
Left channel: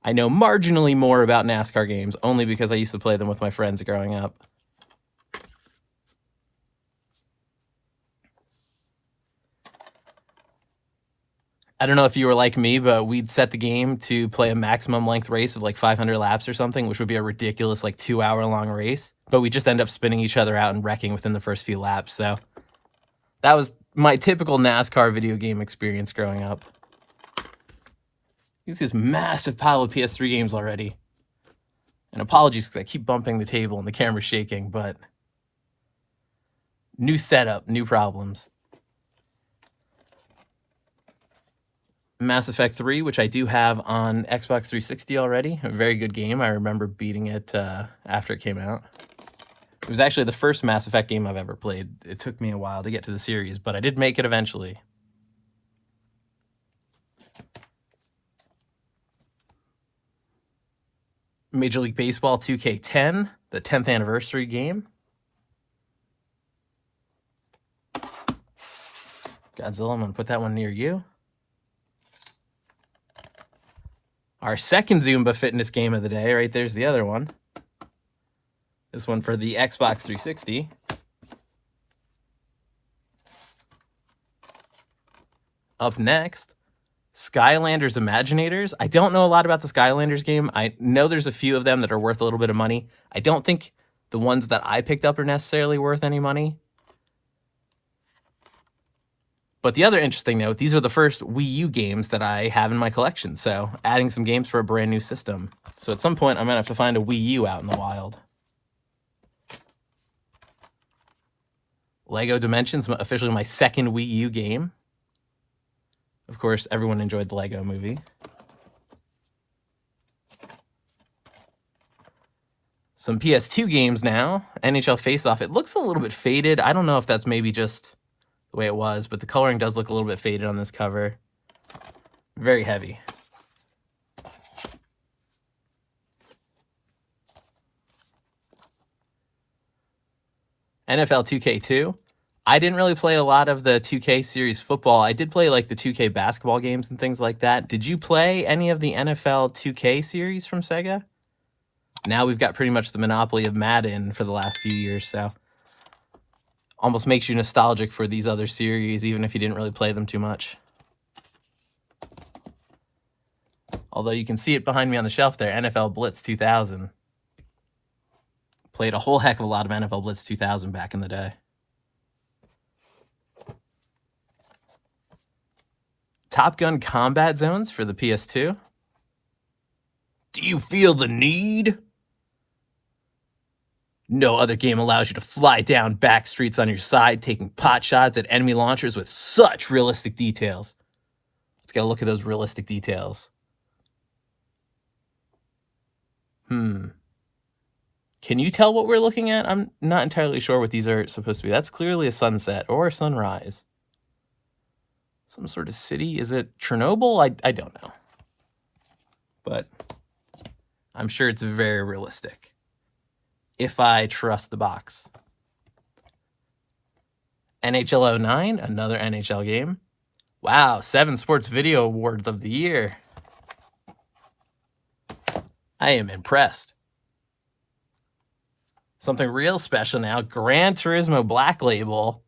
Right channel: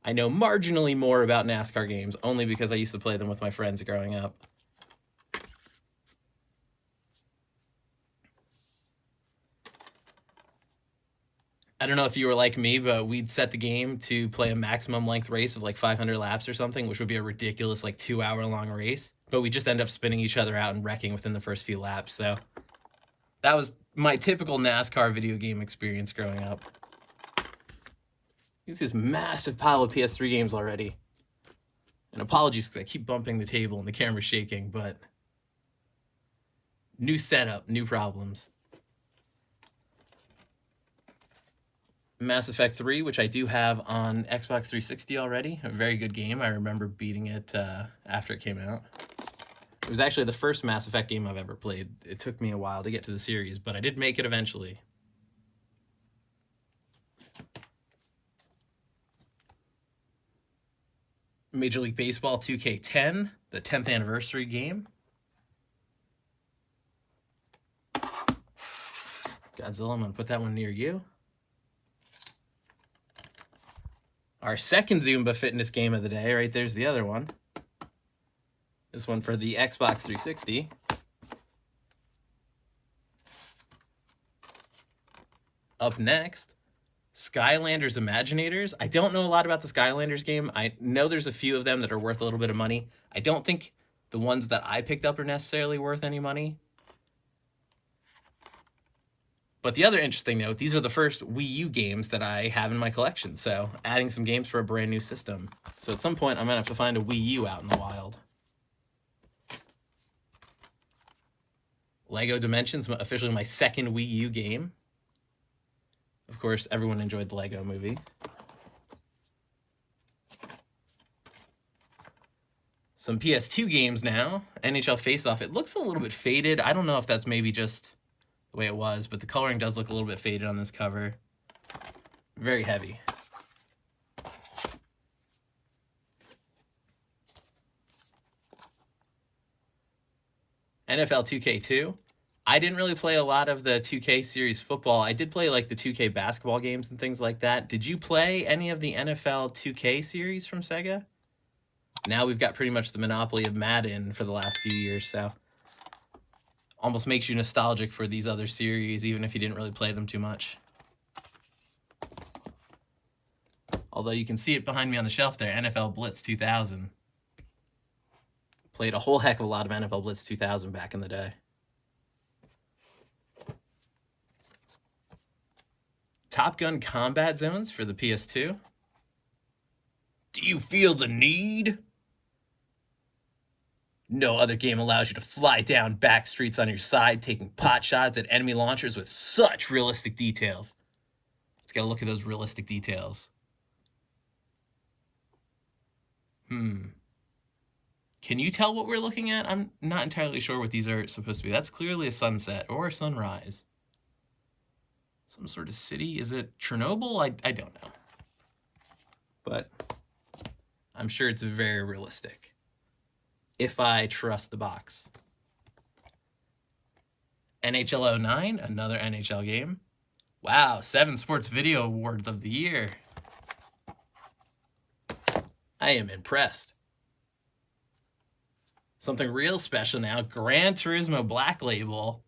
I know marginally more about NASCAR games, only because I used to play them with my friends growing up. I don't know if you were like me, but we'd set the game to play a maximum length race of like 500 laps or something, which would be a ridiculous like 2-hour long race. But we just end up spinning each other out and wrecking within the first few laps. So that was my typical NASCAR video game experience growing up. Look at this massive pile of PS3 games already. And apologies because I keep bumping the table and the camera's shaking, but new setup, new problems. Mass Effect 3, which I do have on Xbox 360 already. A very good game. I remember beating it after it came out. It was actually the first Mass Effect game I've ever played. It took me a while to get to the series, but I did make it eventually. Major League Baseball 2K10, the 10th anniversary game. Godzilla, I'm going to put that one near you. Our second Zumba fitness game of the day, right there's the other one. This one for the Xbox 360. Up next, Skylanders Imaginators. I don't know a lot about the Skylanders game. I know there's a few of them that are worth a little bit of money. I don't think the ones that I picked up are necessarily worth any money. But the other interesting note, these are the first Wii U games that I have in my collection. So adding some games for a brand new system. So at some point, I'm going to have to find a Wii U out in the wild. Lego Dimensions, officially my second Wii U game. Of course, everyone enjoyed the Lego movie. Some PS2 games now. NHL Face-Off. It looks a little bit faded. I don't know if that's maybe just the way it was, but the coloring does look a little bit faded on this cover. Very heavy. NFL 2K2. I didn't really play a lot of the 2K series football. I did play like the 2K basketball games and things like that. Did you play any of the NFL 2K series from Sega? Now we've got pretty much the monopoly of Madden for the last few years, so almost makes you nostalgic for these other series, even if you didn't really play them too much. Although you can see it behind me on the shelf there, NFL Blitz 2000. Played a whole heck of a lot of NFL Blitz 2000 back in the day. Top Gun Combat Zones for the PS2. Do you feel the need? No other game allows you to fly down back streets on your side, taking pot shots at enemy launchers with such realistic details. Let's get a look at those realistic details. Can you tell what we're looking at? I'm not entirely sure what these are supposed to be. That's clearly a sunset or a sunrise. Some sort of city. Is it Chernobyl? I don't know. But I'm sure it's very realistic, if I trust the box. NHL 09, another NHL game. Wow, 7 Sports Video Awards of the year. I am impressed. Something real special now, Gran Turismo Black Label.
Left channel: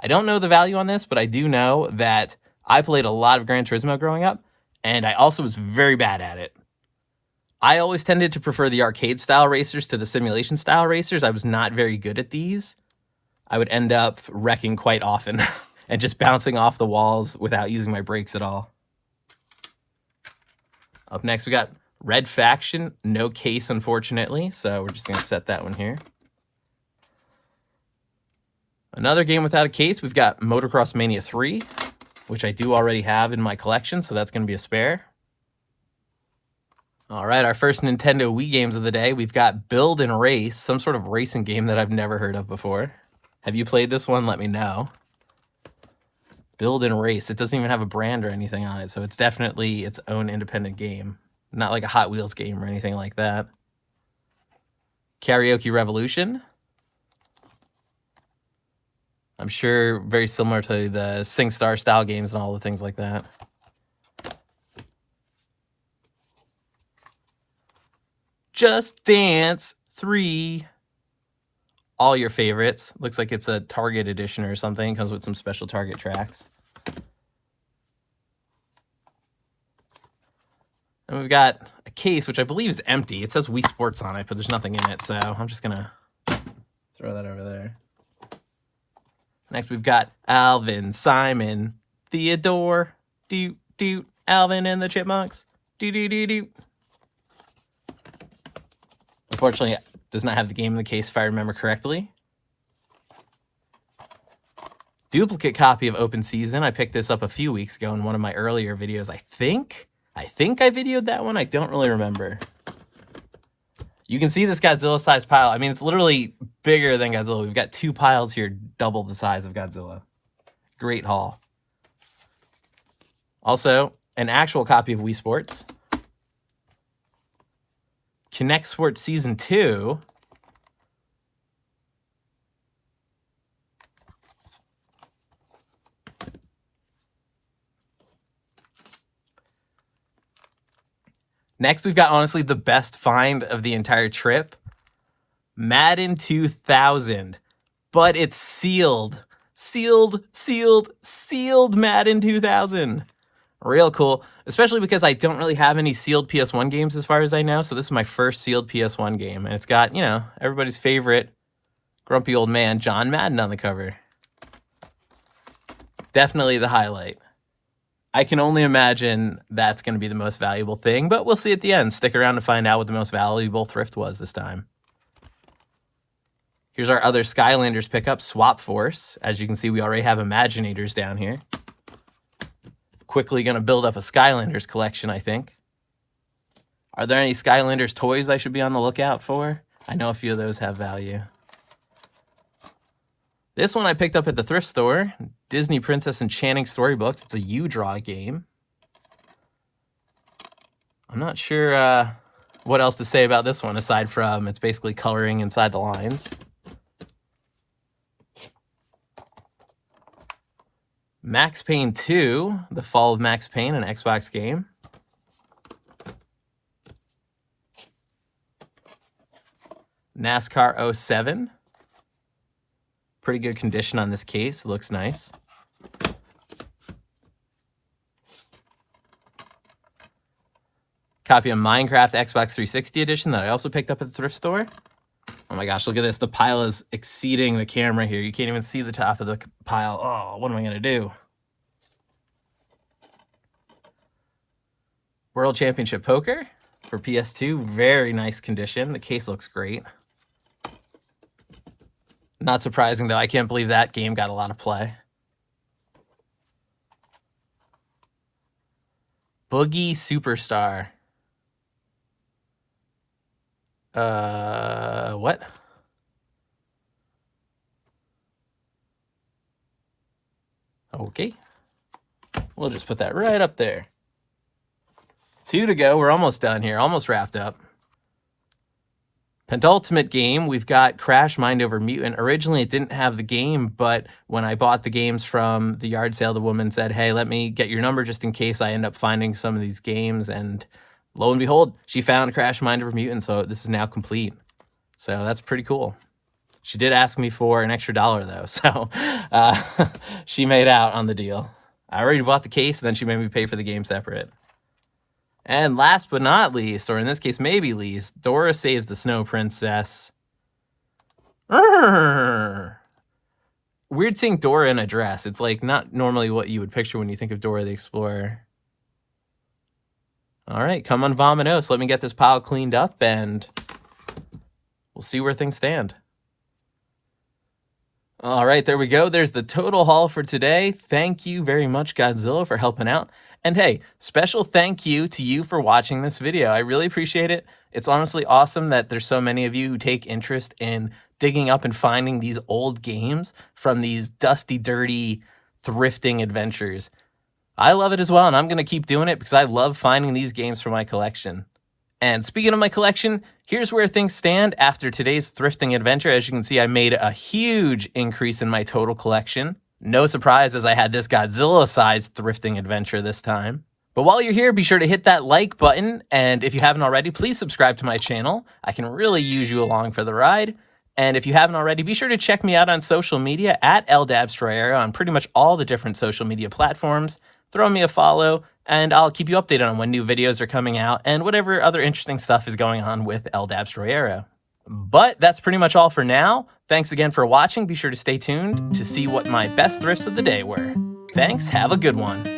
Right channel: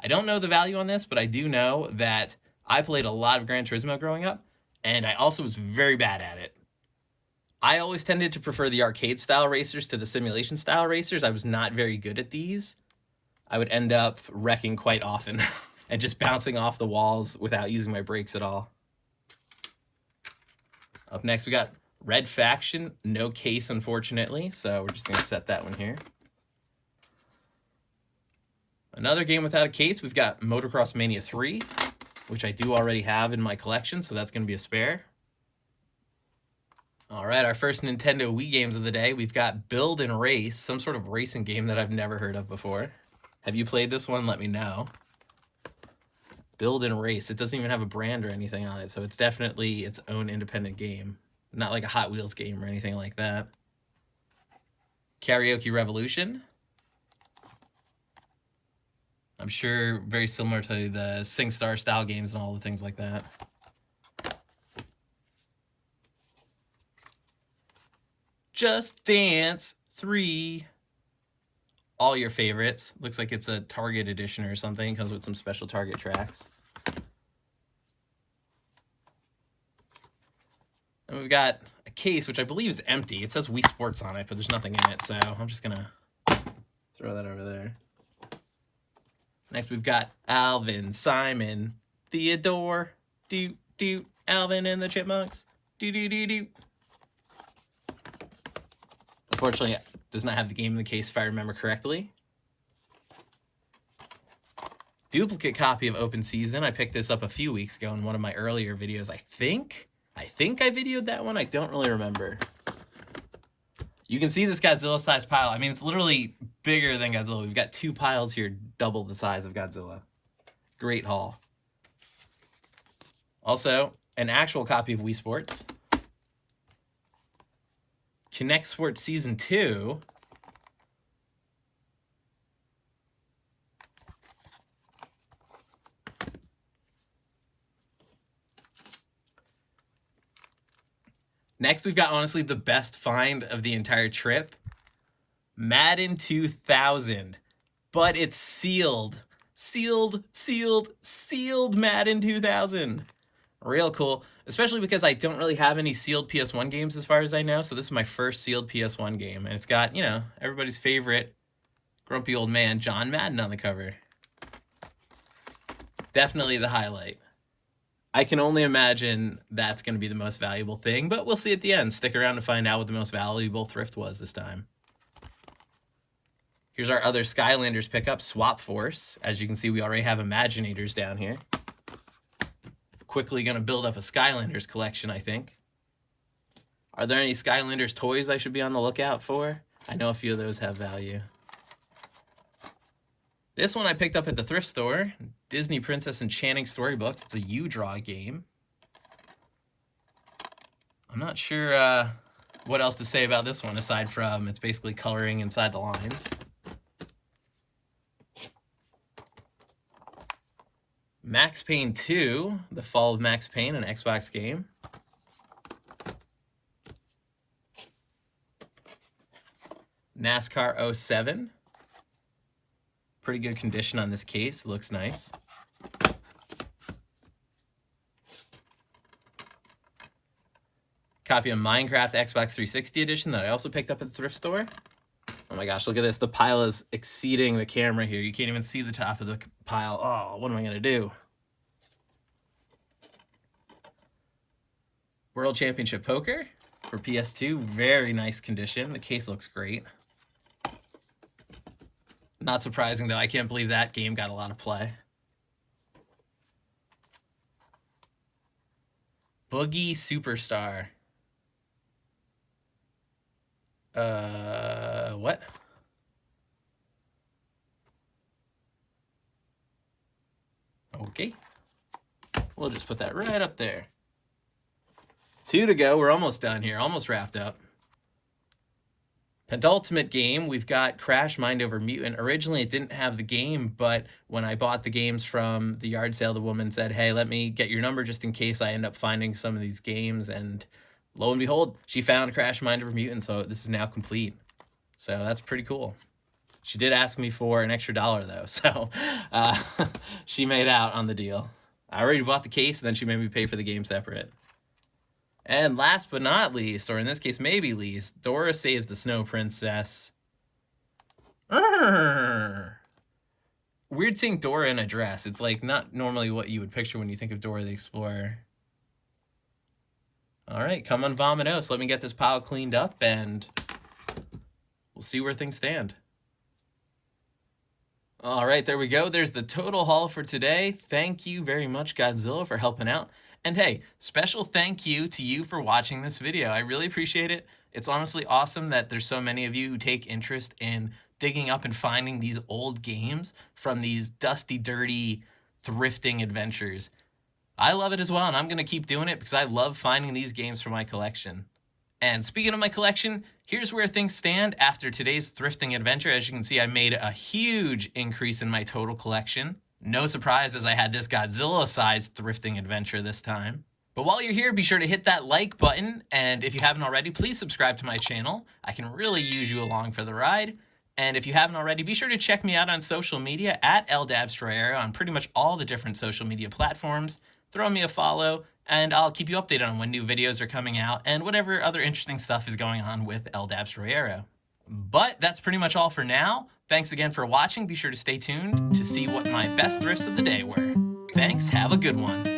I don't know the value on this, but I do know that I played a lot of Gran Turismo growing up, and I also was very bad at it. I always tended to prefer the arcade style racers to the simulation style racers. I was not very good at these. I would end up wrecking quite often and just bouncing off the walls without using my brakes at all. Up next, we got Red Faction. No case, unfortunately, so we're just going to set that one here. Another game without a case, we've got Motocross Mania 3, which I do already have in my collection, so that's going to be a spare. All right, our first Nintendo Wii games of the day. We've got Build and Race, some sort of racing game that I've never heard of before. Have you played this one? Let me know. Build and Race. It doesn't even have a brand or anything on it, so it's definitely its own independent game. Not like a Hot Wheels game or anything like that. Karaoke Revolution. I'm sure very similar to the SingStar style games and all the things like that. Just Dance 3. All your favorites. Looks like it's a Target edition or something. It comes with some special Target tracks. And we've got a case, which I believe is empty. It says Wii Sports on it, but there's nothing in it, so I'm just going to throw that over there. Next, we've got Alvin, Simon, Theodore, Alvin and the Chipmunks, Unfortunately, it does not have the game in the case if I remember correctly. Duplicate copy of Open Season. I picked this up a few weeks ago in one of my earlier videos. I think I videoed that one. I don't really remember. You can see this Godzilla-sized pile. I mean, it's literally bigger than Godzilla. We've got 2 piles here, double the size of Godzilla. Great haul. Also, an actual copy of Wii Sports. Kinect Sports Season 2. Next, we've got honestly the best find of the entire trip. Madden 2000. But it's sealed. Sealed Madden 2000. Real cool. Especially because I don't really have any sealed PS1 games as far as I know. So this is my first sealed PS1 game. And it's got, you know, everybody's favorite grumpy old man, John Madden, on the cover. Definitely the highlight. I can only imagine that's going to be the most valuable thing, but we'll see at the end. Stick around to find out what the most valuable thrift was this time. Here's our other Skylanders pickup, Swap Force. As you can see, we already have Imaginators down here. Quickly going to build up a Skylanders collection, I think. Are there any Skylanders toys I should be on the lookout for? I know a few of those have value. This one I picked up at the thrift store. Disney Princess Enchanting Storybooks. It's a U-Draw game. I'm not sure what else to say about this one aside from it's basically coloring inside the lines. Max Payne 2, The Fall of Max Payne, an Xbox game. NASCAR 07. Pretty good condition on this case. Looks nice. Copy of Minecraft Xbox 360 edition that I also picked up at the thrift store. Oh my gosh, look at this. The pile is exceeding the camera here. You can't even see the top of the pile. Oh, what am I going to do? World Championship Poker for PS2. Very nice condition. The case looks great. Not surprising, though. I can't believe that game got a lot of play. Boogie Superstar. What? Okay. We'll just put that right up there. 2 to go. We're almost done here. Almost wrapped up. Penultimate game, we've got Crash Mind Over Mutant. Originally, it didn't have the game, but when I bought the games from the yard sale, the woman said, hey, let me get your number just in case I end up finding some of these games. And lo and behold, she found Crash Mind Over Mutant, so this is now complete. So that's pretty cool. She did ask me for an extra $1, though, so she made out on the deal. I already bought the case, and then she made me pay for the game separate. And last but not least, or in this case maybe least, Dora saves the Snow Princess. Weird seeing Dora in a dress. It's like not normally what you would picture when you think of Dora the Explorer. All right, come on, Vominos. Let me get this pile cleaned up and we'll see where things stand. All right, there we go. There's the total haul for today. Thank you very much, Godzilla, for helping out. And hey, special thank you to you for watching this video. I really appreciate it. It's honestly awesome that there's so many of you who take interest in digging up and finding these old games from these dusty, dirty thrifting adventures. I love it as well, and I'm going to keep doing it because I love finding these games for my collection. And speaking of my collection, here's where things stand after today's thrifting adventure. As you can see, I made a huge increase in my total collection. No surprise as I had this Godzilla-sized thrifting adventure this time. But while you're here, be sure to hit that like button, and if you haven't already, please subscribe to my channel. I can really use you along for the ride. And if you haven't already, be sure to check me out on social media at Dabstroyero on pretty much all the different social media platforms. Throw me a follow, and I'll keep you updated on when new videos are coming out and whatever other interesting stuff is going on with Dabstroyero. But that's pretty much all for now. Thanks again for watching. Be sure to stay tuned to see what my best thrifts of the day were. Thanks, have a good one.